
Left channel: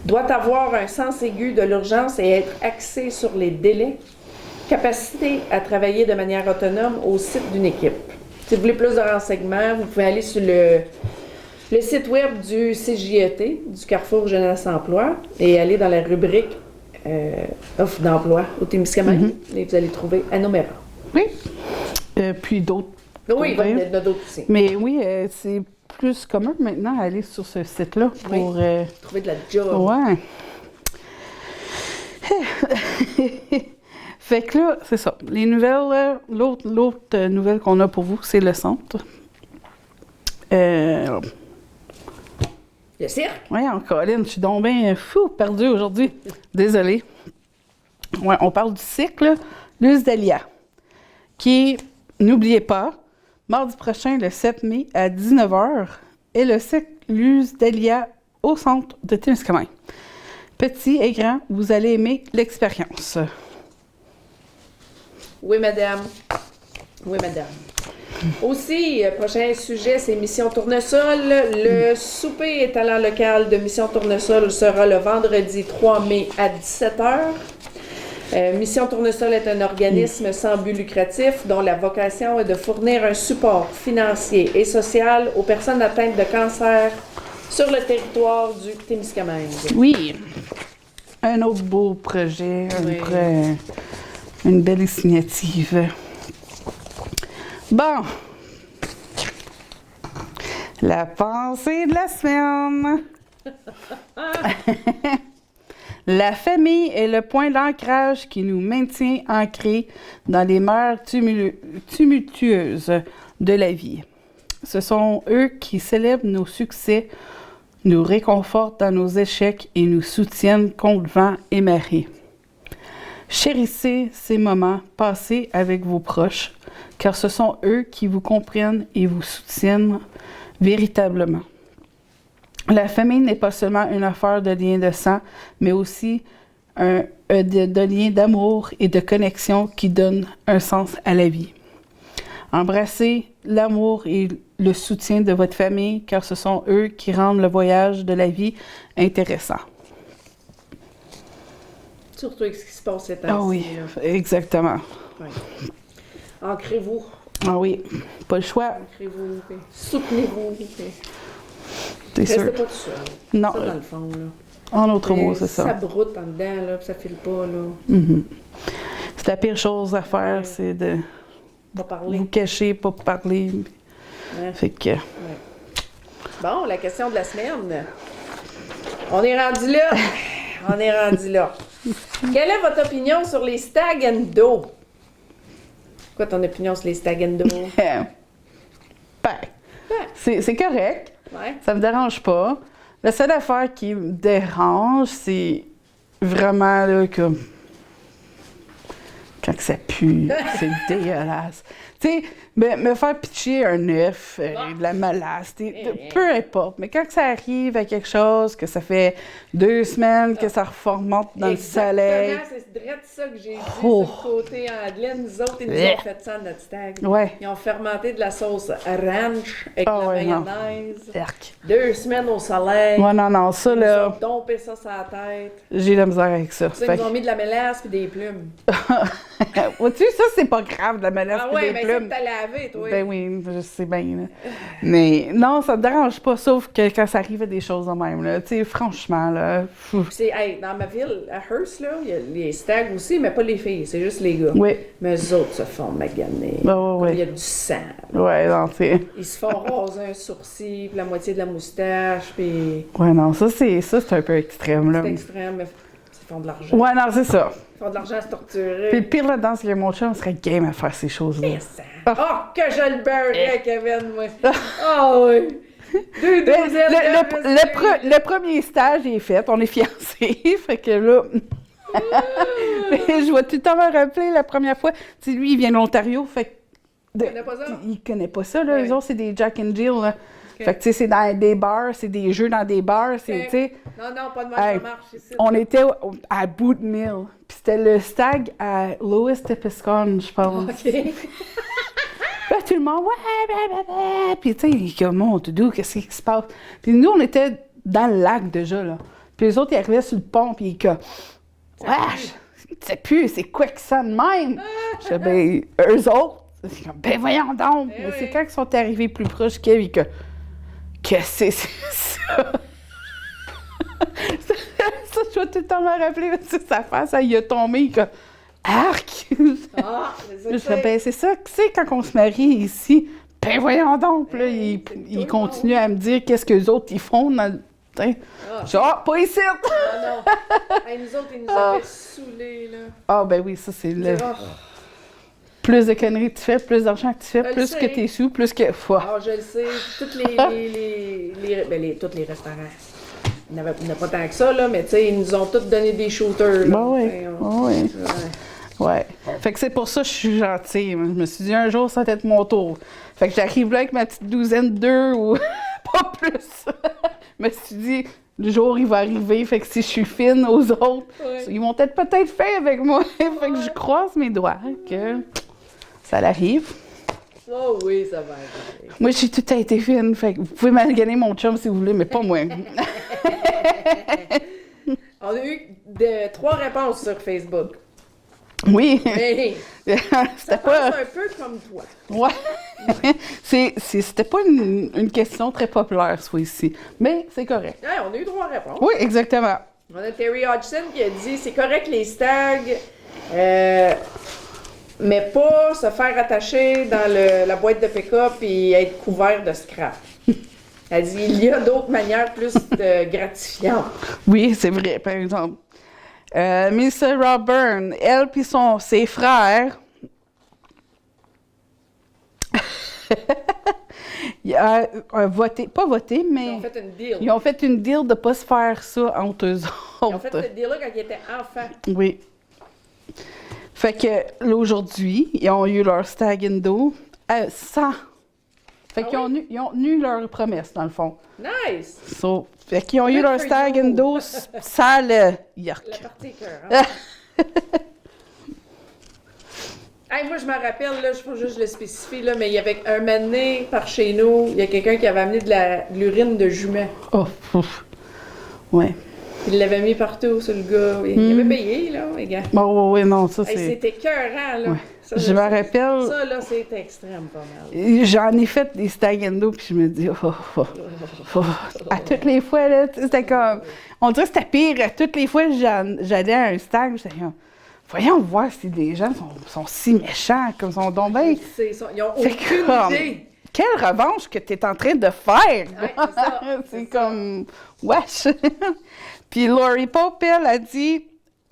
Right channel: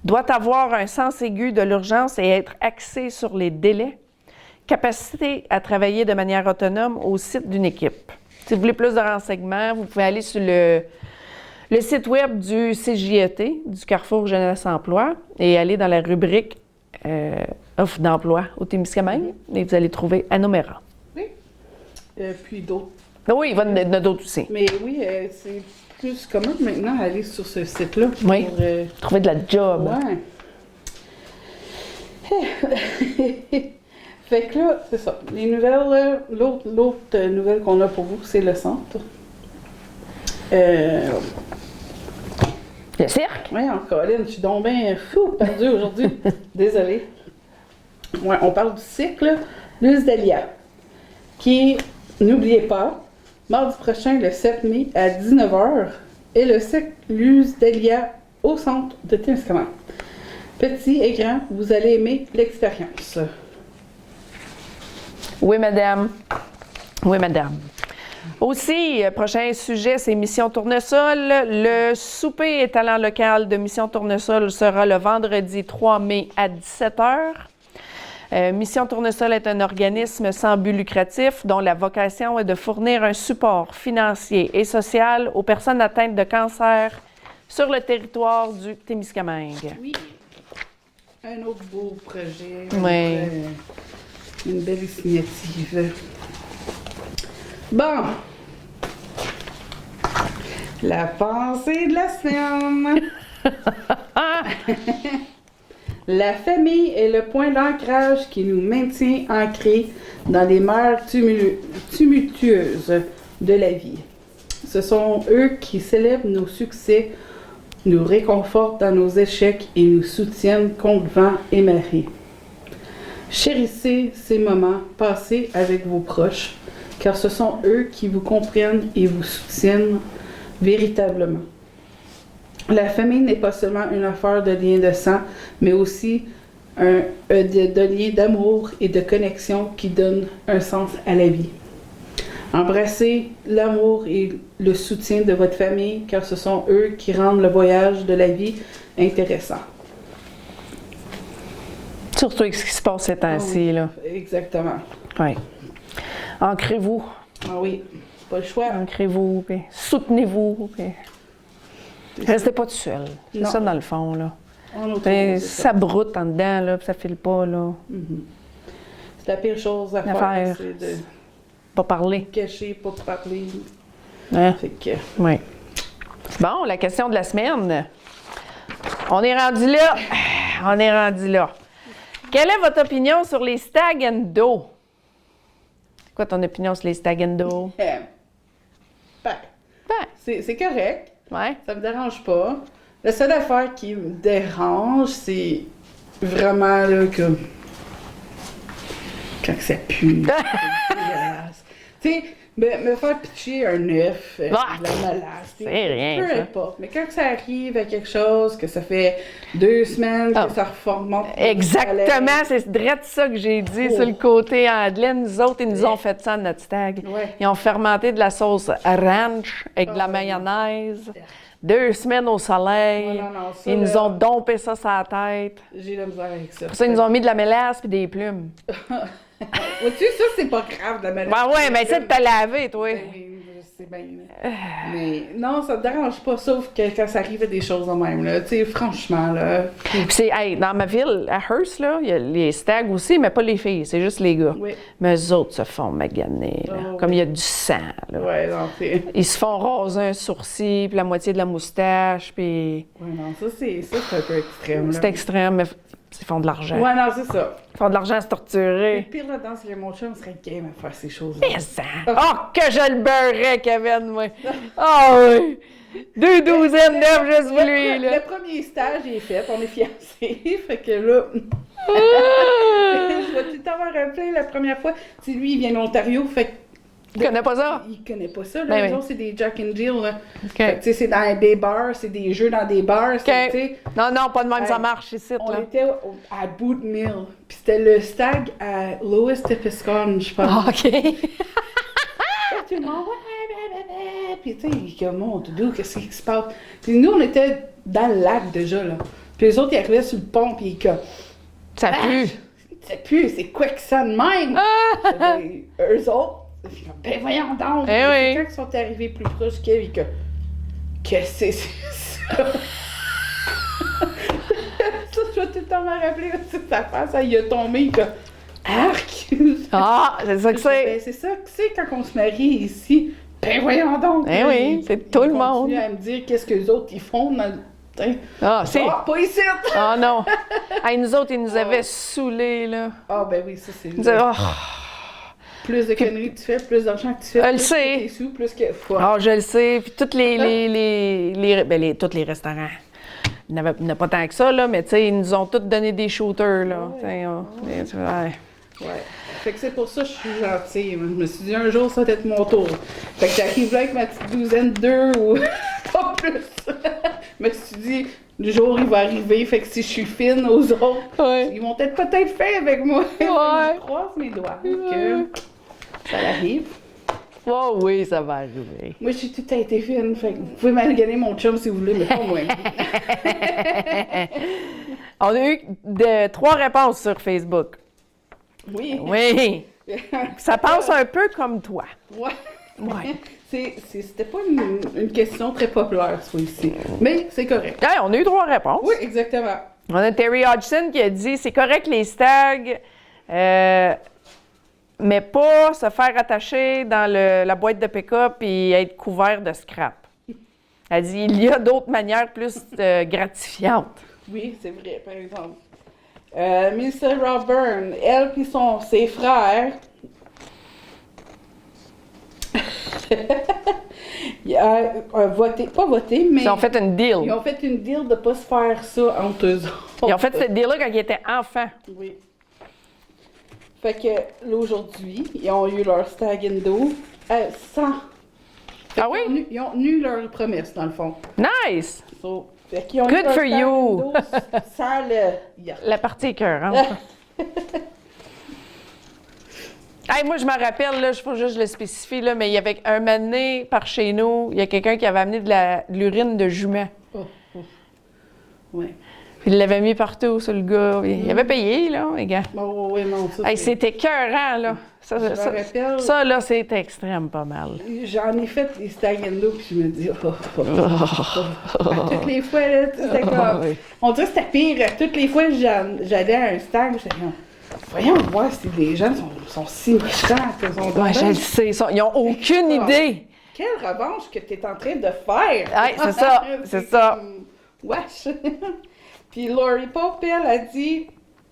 Doit avoir un sens aigu de l'urgence et être axé sur les délais. Capacité à travailler de manière autonome au site d'une équipe. Si vous voulez plus de renseignements, vous pouvez aller sur le site web du CJET, du Carrefour Jeunesse Emploi, et aller dans la rubrique offre d'emploi au Témiscamingue, et vous allez trouver Anomera. Oui. Puis d'autres. Oui, il va y en a d'autres aussi. Mais oui, c'est plus commun maintenant aller sur ce site-là pour... Oui. Trouver de la job. Ouais. Fait que là, c'est ça. Les nouvelles, l'autre nouvelle qu'on a pour vous, c'est le centre. Le cirque? Ouais, Colin, je suis donc bien fou, perdu aujourd'hui. Désolée. Ouais, on parle du cycle Luz Delia, qui, n'oubliez pas, mardi prochain, le 7 mai, à 19h, est le cycle Luz Delia au centre de Témiscamingue. Petit et grand, vous allez aimer l'expérience. Oui, madame. Oui, madame. Aussi, prochain sujet, c'est Mission Tournesol. Le souper et talent local de Mission Tournesol sera le vendredi 3 mai à 17h. Mission Tournesol est un organisme sans but lucratif dont la vocation est de fournir un support financier et social aux personnes atteintes de cancer sur le territoire du Témiscamingue. Oui. Un autre beau projet, Oui. une belle initiative. Bon. La pensée de la semaine. La famille est le point d'ancrage qui nous maintient ancrés dans les mers tumultueuses de la vie. Ce sont eux qui célèbrent nos succès, nous réconfortent dans nos échecs et nous soutiennent contre vent et marée. Chérissez ces moments passés avec vos proches, car ce sont eux qui vous comprennent et vous soutiennent véritablement. La famille n'est pas seulement une affaire de lien de sang, mais aussi de lien d'amour et de connexion qui donne un sens à la vie. Embrassez l'amour et le soutien de votre famille, car ce sont eux qui rendent le voyage de la vie intéressant. Surtout avec ce qui se passe ces temps-ci. Ah oui, exactement. Oui. Ancrez-vous. Ah oui, pas le choix. Ancrez-vous, puis soutenez-vous. Puis... T'es sûr? Restez pas tout seul. Non. C'est ça, dans le fond, là. En autre mot, c'est ça. Ça broute en dedans, là, puis ça file pas, là. C'est la pire chose à faire, c'est de Pas parler. vous cacher, pas parler. Hein? Fait que... Oui. Bon, la question de la semaine. On est rendu là. On est rendu là. Quelle est votre opinion sur les stag and do? Quoi ton opinion sur les stag and do? C'est correct. Ouais. Ça me dérange pas. La seule affaire qui me dérange, c'est vraiment là comme quand ça pue, c'est dégueulasse. Tu sais, me faire pitcher un œuf, de la malasse, rien, peu ça. importe. Mais quand ça arrive à quelque chose, que ça fait 2 semaines que ça remonte dans le soleil. Exactement, c'est direct ça que j'ai dit sur le côté Andeline. Nous autres, ils nous ont fait ça de notre stag. Ouais. Ils ont fermenté de la sauce ranch avec de la ouais, non. mayonnaise. 2 semaines au soleil. Ouais, non, ça, Ils nous là, ont dompé ça sur la tête. j'ai de la misère avec ça. Pour ça, ils nous ont mis de la mélasse et des plumes. Vois-tu, ça, c'est pas grave, la malaise. Ben puis ouais, des mais plumes. c'est de te laver, toi. Ben oui, je sais bien. Là. Mais non, ça me dérange pas, sauf que quand ça arrive à des choses de même, là. Tu sais, franchement, là. Puis c'est, hey, dans ma ville, à Hearst, là, il y a les stags aussi, mais pas les filles, c'est juste les gars. Oui. Mais eux autres se font maganer, là, Ben ouais, comme ouais. il y a du sang. Là. Ouais, non, c'est. Ils se font raser un sourcil, puis la moitié de la moustache, puis Ouais, non, ça, c'est un peu extrême, là. c'est extrême, mais ils font de l'argent. Ouais, non, c'est ça. Ils font de l'argent à se Puis torturer. le pire là-dedans, c'est que mon chum serait game à faire ces choses-là. Mais ça! Oh, que je le beurrais, Kevin, moi! Oh oui! 2 douzaines d'œufs, juste lui, là. Le premier stage est fait, on est fiancés, fait que là... je vais tout le temps me rappeler la première fois. Tu sais, lui, il vient de l'Ontario, fait que... Tu connais pas ça? Il connaît pas ça, là. Ben Eux oui. autres, c'est des Jack and Jill, là. Fait que, tu sais, c'est dans des bars, c'est des jeux dans des bars, c'est, tu sais... Non, non, pas de même, ça Hey, marche ici. On là. était à Boot Mill, puis c'était le stag à Lewis Tepiscon, je pense. Ah, OK. Là, tout le monde, ouais. Puis, tu sais, il est comme, mon doudou, qu'est-ce qui se passe? Puis nous, on était dans le lac déjà, là. Puis les autres, ils arrivaient sur le pont, puis ils comme, Ça pue. ça pue, c'est quoi que ça de même? J'étais, ben, eux autres, ils comme, ben voyons donc. Eh Mais oui. c'est quand ils sont arrivés plus proches, Kev, ils comme, qu'est-ce que c'est ça? Ça, je vais tout le temps me rappeler, là, sur sa face, il a tombé, il comme, arc! Ah, c'est ça que Je fais, ben, c'est ça que c'est quand on se marie ici. Ben voyons donc! Eh oui, c'est tout le monde. Ils continuent à me dire qu'est-ce qu'eux autres ils font dans le... T'sais. Ah, Je dis, ah, pas ici! Ah non! Hey, nous autres, ils nous avaient saoulés, là. Ah ben oui, ça c'est... Ils nous avaient... Oh. Plus de conneries que tu fais, plus d'argent que tu fais, Je le plus sais. que t'es sous, plus que... Ah, je le sais. Puis tous tous les restaurants. Il n'y en a pas tant que ça, là, mais tu sais, ils nous ont tous donné des shooters, là. Ben oui. T'sais, Oui. ouais. Ouais. Fait que c'est pour ça que je suis gentille. Je me suis dit, un jour, ça va être mon tour. Fait que j'arrive là avec ma petite douzaine d'œufs ou pas plus. Je me suis dit, le jour, il va arriver. Fait que si je suis fine aux autres, Ouais. ils vont peut-être fait avec moi. Fait que Ouais. je croise mes doigts. Que ça arrive. Oh oui, ça va arriver. Moi, j'ai tout été fine. Fait que vous pouvez m'alganer mon chum si vous voulez, mais pas moi. On a eu 3 réponses sur Facebook. Oui. Oui. Ça passe un peu comme toi. Ouais. C'était pas une question très populaire, soit ici. Mais c'est correct. Hey, on a eu 3 réponses. Oui, exactement. On a Terry Hodgson qui a dit c'est correct les stags, mais pas se faire attacher dans la boîte de pick-up et être couvert de scrap. Elle dit il y a d'autres manières plus gratifiantes. Oui, c'est vrai, par exemple. Miss Robburn, elle puis ses frères, ils ont voté, pas voté, mais Ils ont fait une deal. ils ont fait une deal de pas se faire ça entre eux autres. Ils ont fait cette deal-là quand ils étaient enfants. Oui. Fait que là, aujourd'hui, ils ont eu leur stag and do sans. Fait Ah qu'ils oui? ils ont tenu leur promesse, dans le fond. Nice! Fait qu'ils ont eu Good leur for stag you. and do sans le yacht. La partie écœurante. Hey, moi, je me rappelle, là, je faut juste le spécifier, là, mais il y avait un moment donné, par chez nous, il y a quelqu'un qui avait amené de l'urine de jument. Oh, ouf. Ouais. Il l'avait mis partout sur le gars. Il avait payé, là, les gars. Bon, ouais, non, ça, Hey, c'est... c'était écœurant, là. Ça, Je me rappelle... Ça, là, c'est extrême pas mal. J'en ai fait des stag and do, puis je me dis, à toutes les fois, là, c'était comme... Oui. On dirait que c'était pire. Toutes les fois que j'allais à un stag, j'étais comme, voyons voir si les gens sont si méchants, qu'ils sont donc Ouais, je bien- le sais. Ils n'ont C'est aucune comme- idée. Quelle revanche que tu es en train de faire! Ouais, c'est ça, c'est ça. comme, wesh! Puis Laurie Pope, elle, a dit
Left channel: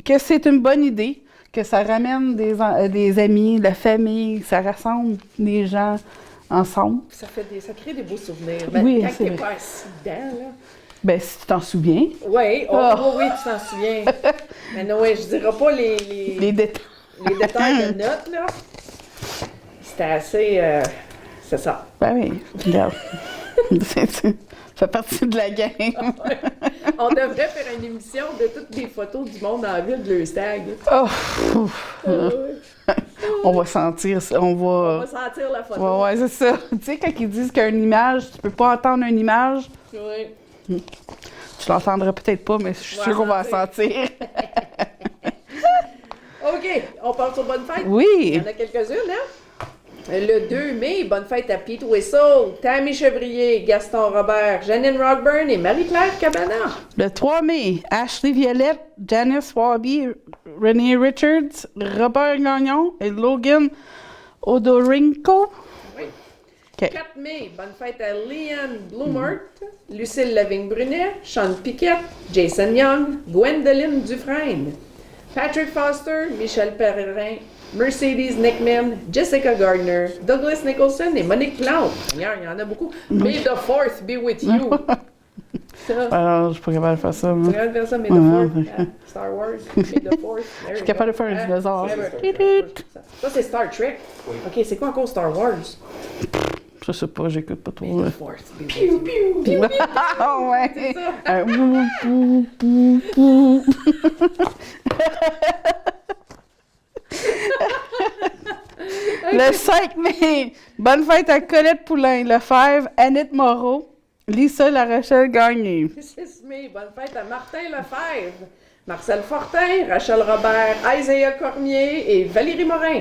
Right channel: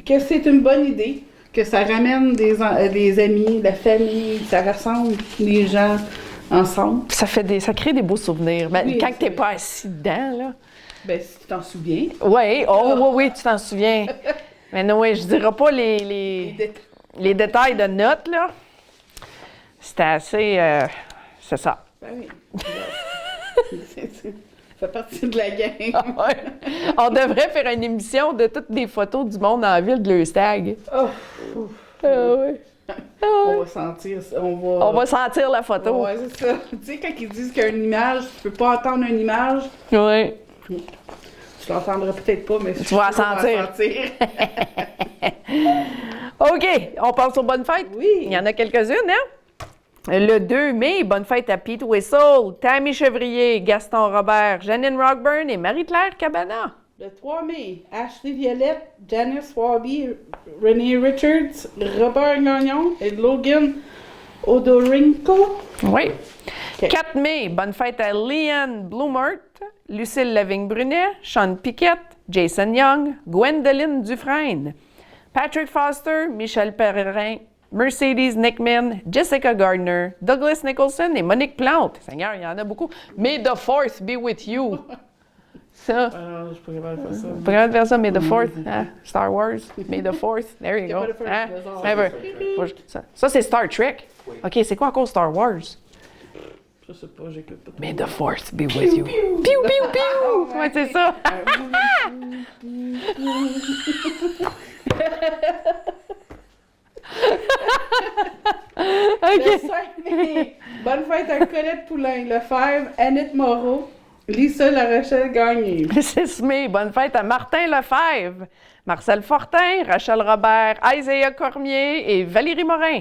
que c'est une bonne idée, que ça ramène des amis, la famille, ça rassemble les gens ensemble. Ça crée des beaux souvenirs. Mais Oui, quand c'est t'es vrai. pas assis dedans, là. Ben, si tu t'en souviens. Oui, oui, tu t'en souviens. Mais non, oui, je dirais pas Les les détails. détails de notes, là. C'était assez. C'est ça. Ben oui, regarde. Ça fait partie de la game. Ouais. On devrait faire une émission de toutes les photos du monde en ville de l'Eustag. Oh, Ouais. on va sentir ça. On On va... va sentir la photo. Ouais, c'est ça. Tu sais, quand ils disent qu'une image, tu peux pas entendre une image, Oui. tu l'entendras peut-être pas, mais je suis vas sûre qu'on va sentir. la sentir. OK, on passe aux bonnes fêtes. Oui. Il y en a quelques-unes, hein? Le 2 mai, bonne fête à Pete Whistle, Tammy Chevrier, Gaston Robert, Janine Rockburn et Marie-Claire Cabana. Le 3 mai, Ashley Violette, Janice Wabi, Renee Richards, Robert Gagnon et Logan Odorinko. Oui. OK. 4 mai, bonne fête à Leanne Blumert, Lucille Lavigne-Brunet, Sean Piquette, Jason Young, Gwendoline Dufresne, Patrick Foster, Michel Perrin, Mercedes Nickman, Jessica Gardner, Douglas Nicholson et Monique Plante. Seigneur, il y en a beaucoup. May the 4th be with you. Ça. Alors, je suis pas capable de faire ça. Faut moi. quand même faire ça, May the 4th. Hein? Star Wars, May the 4th. There you suis capable go. de faire un Hein? dinosaure. Ça, ça, c'est Star Trek. OK, c'est quoi encore Star Wars? Je sais pas, j'écoute pas trop. May the 4th be with you. Piou, piou, piou. Ouais, c'est ça. Le 5 mai, bonne fête à Colette Poulain, Lefebvre, Annette Moreau, Lisa Larachelle Gagné. Le 6 mai, bonne fête à Martin Lefebvre, Marcel Fortin, Rachel Robert, Isaiah Cormier et Valérie Morin.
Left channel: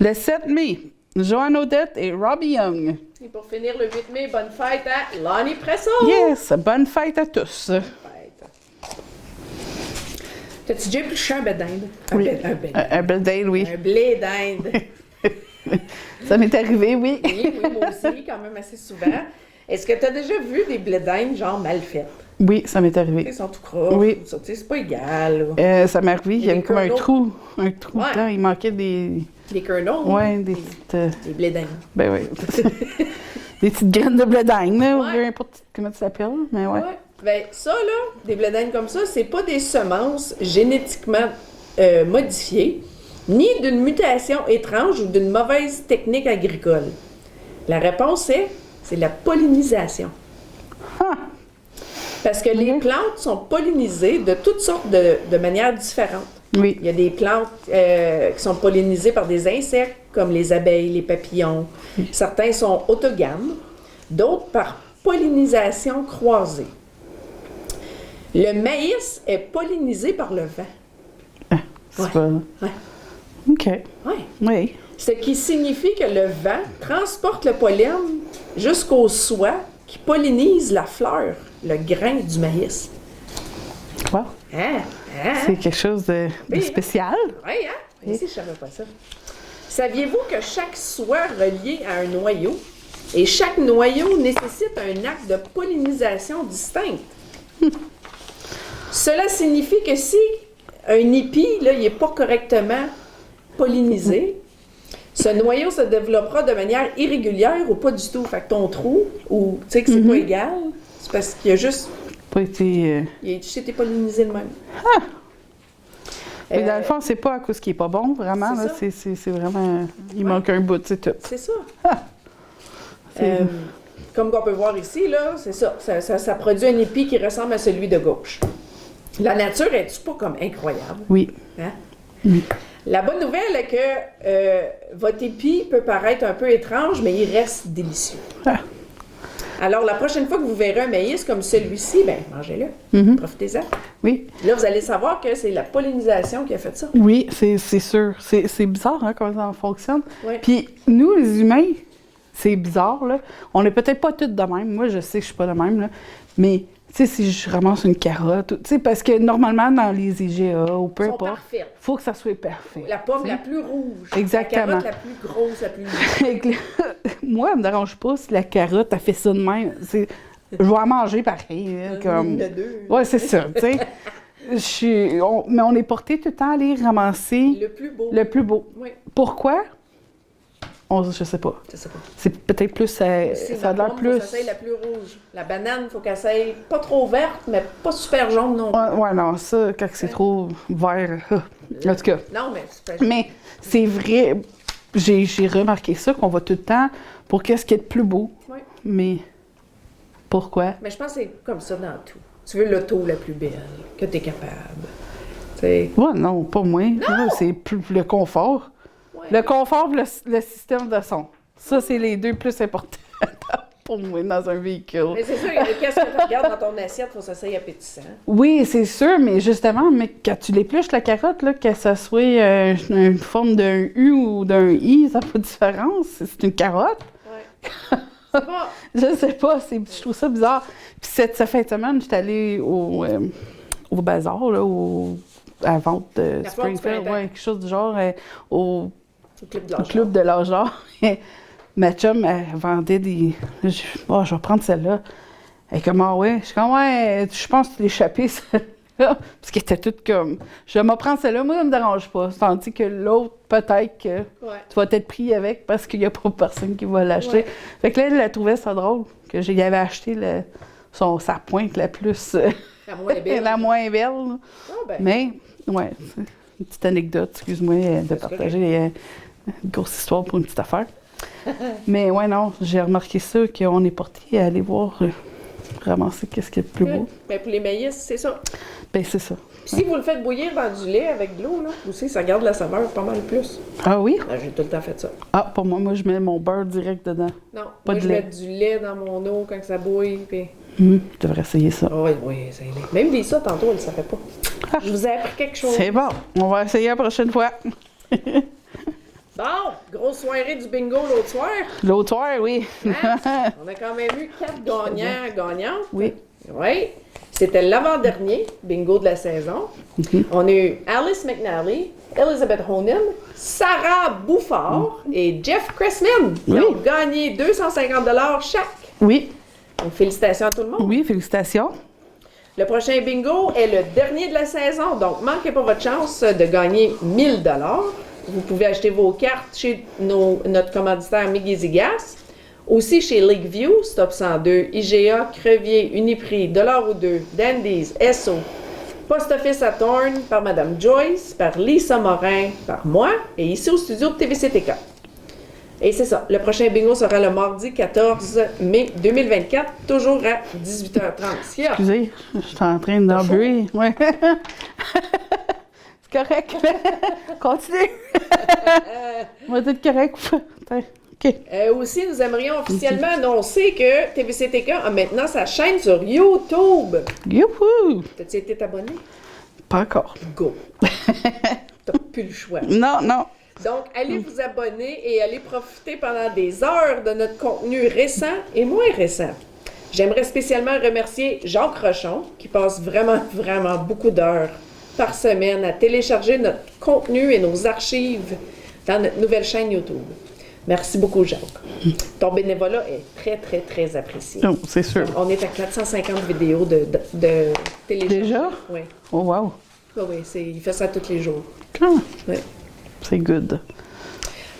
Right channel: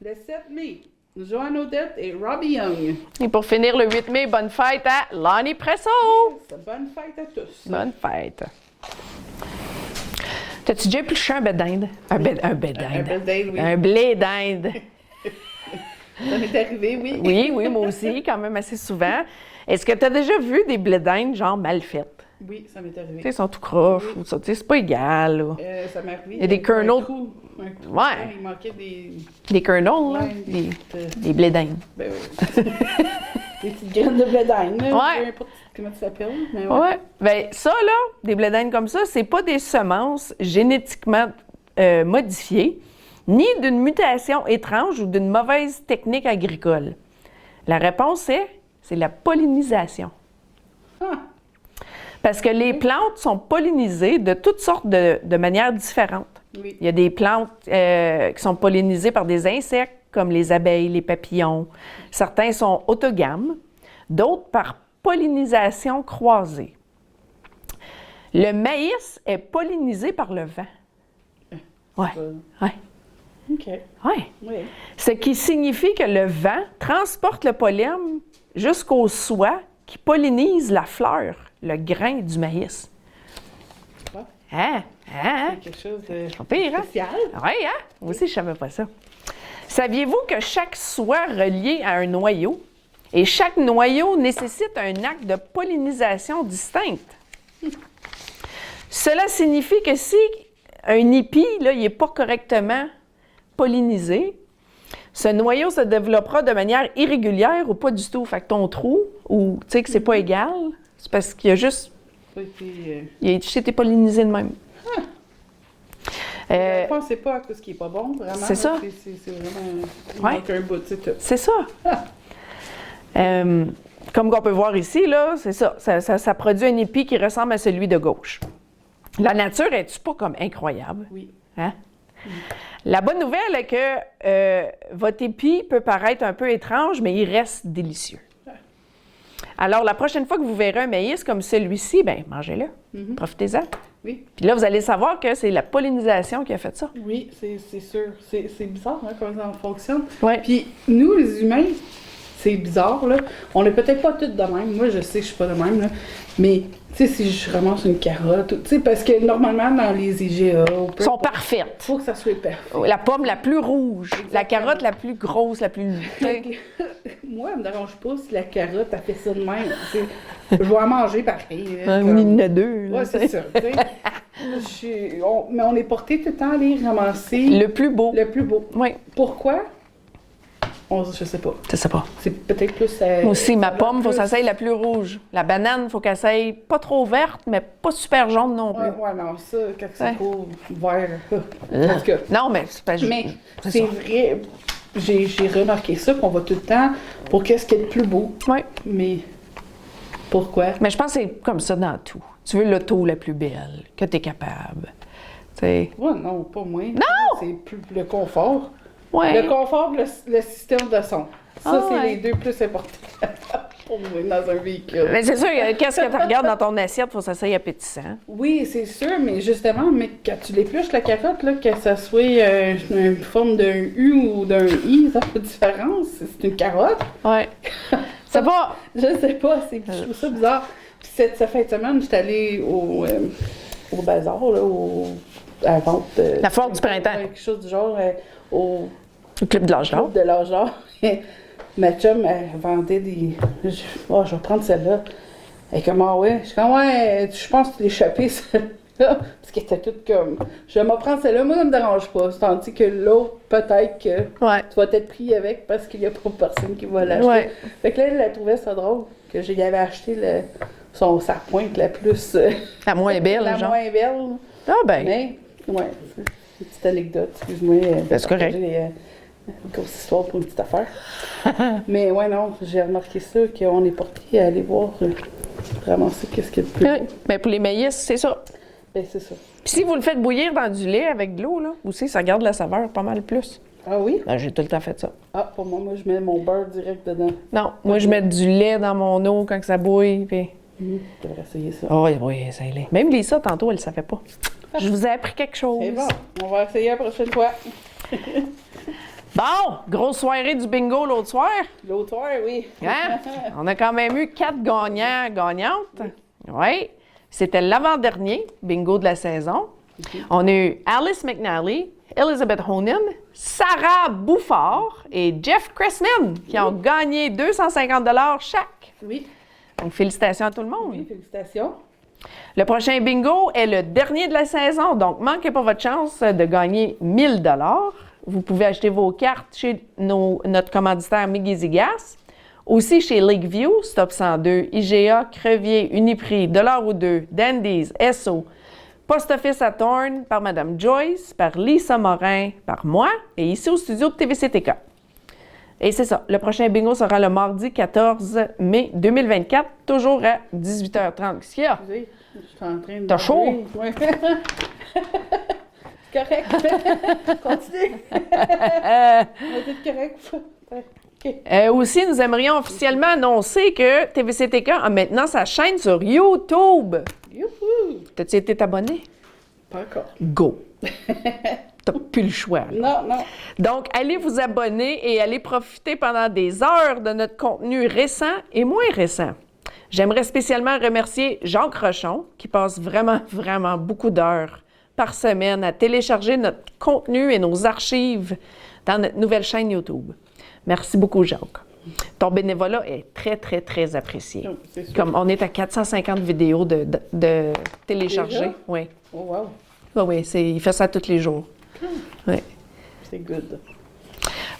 Le 7 mai, Joanne Odette et Robbie Young. Et pour finir, le 8 mai, bonne fête à Lonnie Presso. Yes, bonne fête à tous. Bonne fête. T'as-tu déjà épluché un blé d'Inde? Un Oui. blé d'Inde. Un bel date, oui. Un blé d'Inde. Ça m'est arrivé, oui. Oui, oui, moi aussi, quand même assez souvent. Est-ce que tu as déjà vu des blés d'Inde, genre mal faits? Oui, ça m'est Tu sais, arrivé. ils sont tout croches. Oui. Tu sais, c'est pas égal. Là. Ça m'est arrivé, il y des avait comme un kernels. trou. Un trou Ouais. dedans, il manquait des... Des kernels, Ouais, hein? des petites... Des blés d'Inde. Ben oui. Des petites graines de blé d'Inde, là. Ouais. Peu importe comment tu s'appelles, mais ouais. Ouais. Ben, ça, là, des blés d'Inde comme ça, c'est pas des semences génétiquement modifiées, ni d'une mutation étrange ou d'une mauvaise technique agricole. La réponse c'est la pollinisation. Ah. Parce que les plantes sont pollinisées de toutes sortes de manières différentes. Oui. Il y a des plantes qui sont pollinisées par des insectes, comme les abeilles, les papillons. Certains sont autogames, d'autres par pollinisation croisée. Le maïs est pollinisé par le vent. C'est Ouais. pas... Ouais. OK. Ouais. Oui. Ce qui signifie que le vent transporte le pollen jusqu'au soie qui pollinise la fleur, le grain du maïs. Wow. Hein? Hein? C'est quelque chose de Pire, hein? spécial. Oui, hein? Moi aussi, je savais pas ça. Saviez-vous que chaque soie reliée à un noyau et chaque noyau nécessite un acte de pollinisation distinct? Cela signifie que si un épi, là, il n'est pas correctement pollinisé, ce noyau se développera de manière irrégulière ou pas du tout. Fait que ton trou, ou tu sais que c'est pas égal, c'est parce qu'il y a juste, Pas été... il a juste été pollinisé de même. Mais dans le fond, c'est pas à cause qu'il est pas bon, vraiment. c'est là. ça. C'est vraiment... Il Ouais. manque un bout, c'est tout. C'est ça. Comme on peut voir ici, là, c'est ça. Ça produit un épi qui ressemble à celui de gauche. La nature est-tu pas comme incroyable? Oui. Hein? La bonne nouvelle est que votre épi peut paraître un peu étrange, mais il reste délicieux. Ah. Alors, la prochaine fois que vous verrez un maïs comme celui-ci, ben mangez-le. Profitez-en. Oui. Puis là, vous allez savoir que c'est la pollinisation qui a fait ça. Oui, c'est sûr. C'est bizarre, hein, comment ça fonctionne. Ouais. Puis nous, les humains, c'est bizarre, là. On est peut-être pas tous de même. Moi, je sais que je suis pas de même, là. Mais, tu sais, si je ramasse une carotte, tu sais, parce que normalement, dans les IGA, ou peu Ils sont importe, parfaites. faut que ça soit parfait. La pomme la plus rouge. Exactement. La carotte la plus grosse, la plus... Moi, elle me dérange pas si la carotte, elle fait ça de même. Je vais en manger pareil. Il y en a deux. Ouais, c'est ça, tu sais. Mais on est porté tout le temps à aller ramasser Le plus beau. le plus beau. Oui. Pourquoi? Je sais pas. Je sais pas. C'est peut-être plus... Aussi, ma pomme, il faut que ça soit la plus rouge. La banane, il faut qu'elle soit pas trop verte, mais pas super jaune non plus. Ouais, non, ça, quand c'est Ouais. trop vert... En tout cas. Non, mais c'est pas Mais c'est vrai, j'ai remarqué ça, qu'on va tout le temps pour qu'est-ce qui est le plus beau. Oui. Mais pourquoi? Mais je pense que c'est comme ça dans tout. Tu veux l'auto la plus belle, que tu es capable. Tu sais. Ouais, non, pas moi. Non! C'est plus le confort. Ouais. Le confort et le système de son. Ça, Ah, c'est ouais. les deux plus importants pour moi dans un véhicule. Mais c'est sûr, qu'est-ce que tu regardes dans ton assiette, il faut que ça soit appétissant. Oui, c'est sûr, mais justement, quand tu l'épluches, la carotte, là, que ça soit une forme d'un U ou d'un I, ça fait différence. C'est une carotte. Ouais. Ça va, je sais pas, je trouve ça bizarre. Puis cette fin de semaine, j'étais allée au bazar, là, à la vente. La foire du Springfield, printemps. ouais, quelque chose du genre, au Le club de l'âge d'or. club de l'âge d'or. Ma chum, elle vendait des... je vais prendre celle-là. Elle est comme, ah ouais. Je suis comme, ouais, je pense que tu l'as échappé, celle-là. Parce qu'elle était toute comme, je vais m'en prendre celle-là, moi, ça me dérange pas. Tandis que l'autre, peut-être que Ouais. tu vas être pris avec parce qu'il n'y a pas personne qui va l'acheter. Ouais. Fait que là, elle a trouvé ça drôle, que j'y avais acheté sa pointe la plus... La moins belle, la genre. moins belle. Ah ben. Mais, ouais, c'est une petite anecdote, excuse-moi. Ben, c'est correct. Une grosse histoire pour une petite affaire. Mais ouais, non, j'ai remarqué ça, qu'on est porté à aller voir, ramasser qu'est-ce qui est le plus beau. Mais pour les maïs, c'est ça. Ben, c'est ça. Puis si vous le faites bouillir dans du lait avec de l'eau, là, aussi, ça garde la saveur pas mal plus. Ah oui? Ben, j'ai tout le temps fait ça. Ah, pour moi, je mets mon beurre direct dedans. Non, moi, je mets du lait dans mon eau quand ça bouille, puis... Tu devrais essayer ça. Ah oui, ça l'est. Même Lisa, tantôt, elle ne savait pas. Je vous ai appris quelque chose. C'est bon. On va essayer la prochaine fois. Bon, grosse soirée du bingo l'autre soir. L'autre soir, oui. Hein? On a quand même eu 4 gagnantes. Oui. Oui. C'était l'avant-dernier bingo de la saison. On a eu Alice McNally, Elizabeth Honan, Sarah Bouffard et Jeff Cressman qui ont gagné 250 $ chaque. Oui. Donc, félicitations à tout le monde. Oui, félicitations. Le prochain bingo est le dernier de la saison, donc manquez pas votre chance de gagner 1000 $. Vous pouvez acheter vos cartes chez notre commanditaire McGeezy Gas, aussi chez Lakeview, Stop 102, IGA, Crevier, Uniprix, Dollar ou deux, Dandies, Esso, Post Office à Thorne, par Mme Joyce, par Lisa Morin, par moi, et ici au studio de TVCTK. Et c'est ça, le prochain bingo sera le mardi 14 mai 2024, toujours à 18h30. Excusez, je suis en train T'as chaud? d'enlever. Ouais. C'est correct. Continue. On va être correct. OK. Aussi, nous aimerions officiellement annoncer que TVCTK a maintenant sa chaîne sur YouTube. Youhou! T'as-tu été abonné? Pas encore. Go! T'as plus le choix. Non, non. Donc, allez vous abonner et allez profiter pendant des heures de notre contenu récent et moins récent. J'aimerais spécialement remercier Jacques Rochon, qui passe vraiment beaucoup d'heures par semaine à télécharger notre contenu et nos archives dans notre nouvelle chaîne YouTube. Merci beaucoup, Jacques. Ton bénévolat est très apprécié. Non, c'est sûr. Comme on est à 450 vidéos de télécharger. Déjà? Oui. Oh, wow. Ah oui, il fait ça tous les jours. Ah, Oui. c'est good.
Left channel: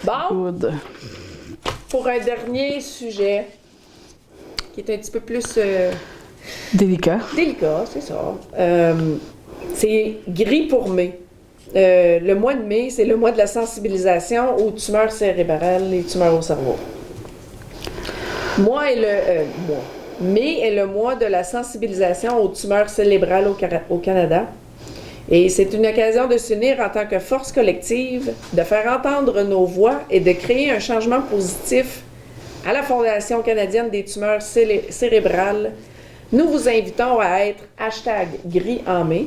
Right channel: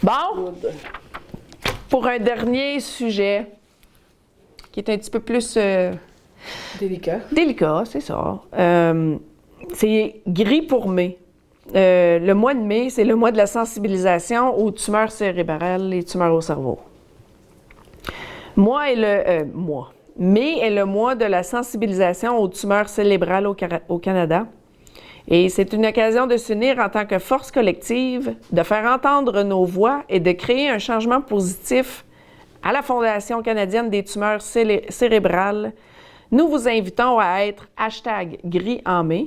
Bon, Good. pour un dernier sujet qui est un petit peu plus Délicat. délicat, c'est ça. C'est gris pour mai. Le mois de mai, c'est le mois de la sensibilisation aux tumeurs cérébrales et tumeurs au cerveau. Mai est le mois de la sensibilisation aux tumeurs cérébrales au Canada. Et c'est une occasion de s'unir en tant que force collective, de faire entendre nos voix et de créer un changement positif à la Fondation canadienne des tumeurs cérébrales, nous vous invitons à être #gris en mai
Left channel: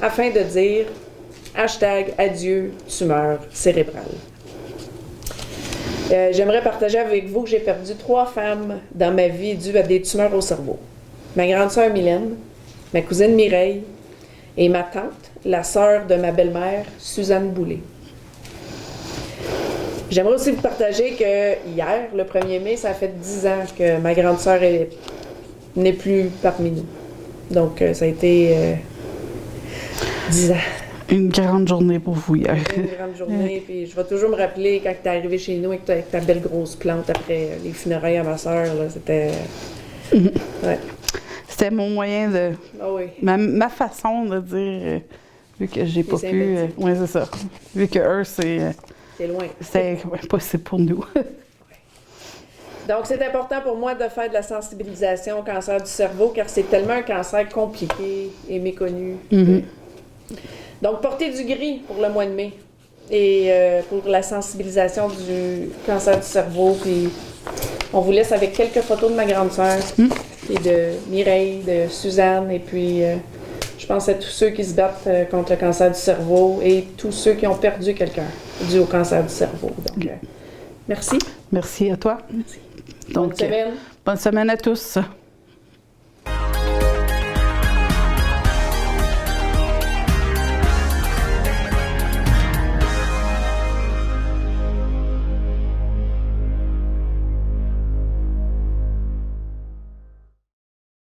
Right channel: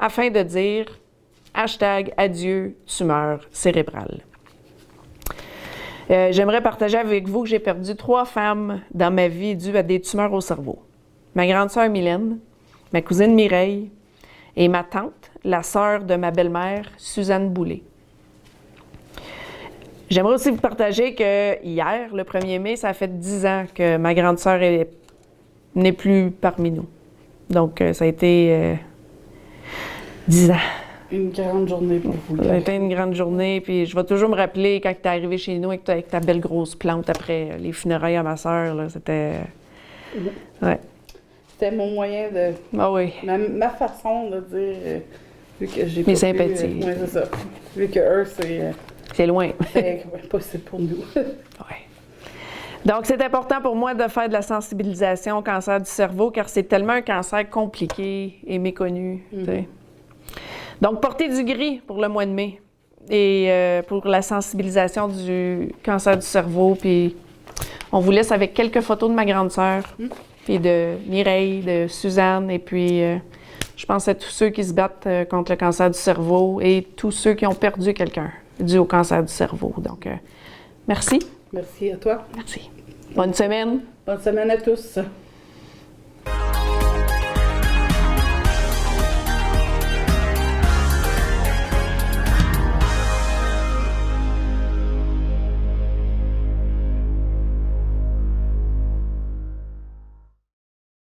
afin de dire #adieu tumeur cérébrale. J'aimerais partager avec vous que j'ai perdu 3 femmes dans ma vie dues à des tumeurs au cerveau. Ma grande sœur Mylène, ma cousine Mireille et ma tante, la sœur de ma belle-mère, Suzanne Boulay. J'aimerais aussi vous partager que hier, le 1er mai, ça fait 10 ans que ma grande sœur n'est plus parmi nous. Donc, ça a été 10 ans. Une grande journée pour vous Ça a hier. été une grande journée, puis je vais toujours me rappeler quand tu es arrivé chez nous avec ta belle grosse plante après les funérailles à ma sœur, là, c'était... Ouais. C'était mon moyen de... Ah oui. Ma façon de dire, vu que j'ai pas Mes pu... sympathies. Oui, c'est ça. Vu que eux, c'est C'est loin. possible pour nous. Ouais. Donc, c'est important pour moi de faire de la sensibilisation au cancer du cerveau, car c'est tellement un cancer compliqué et méconnu. Mhm. Donc, portez du gris pour le mois de mai et pour la sensibilisation du cancer du cerveau. Puis, on vous laisse avec quelques photos de ma grande sœur et de Mireille, de Suzanne. Et puis, je pense à tous ceux qui se battent contre le cancer du cerveau et tous ceux qui ont perdu quelqu'un dû au cancer du cerveau. Donc, merci. Merci à toi. Merci. Donc, Bonne semaine. Bonne semaine à tous.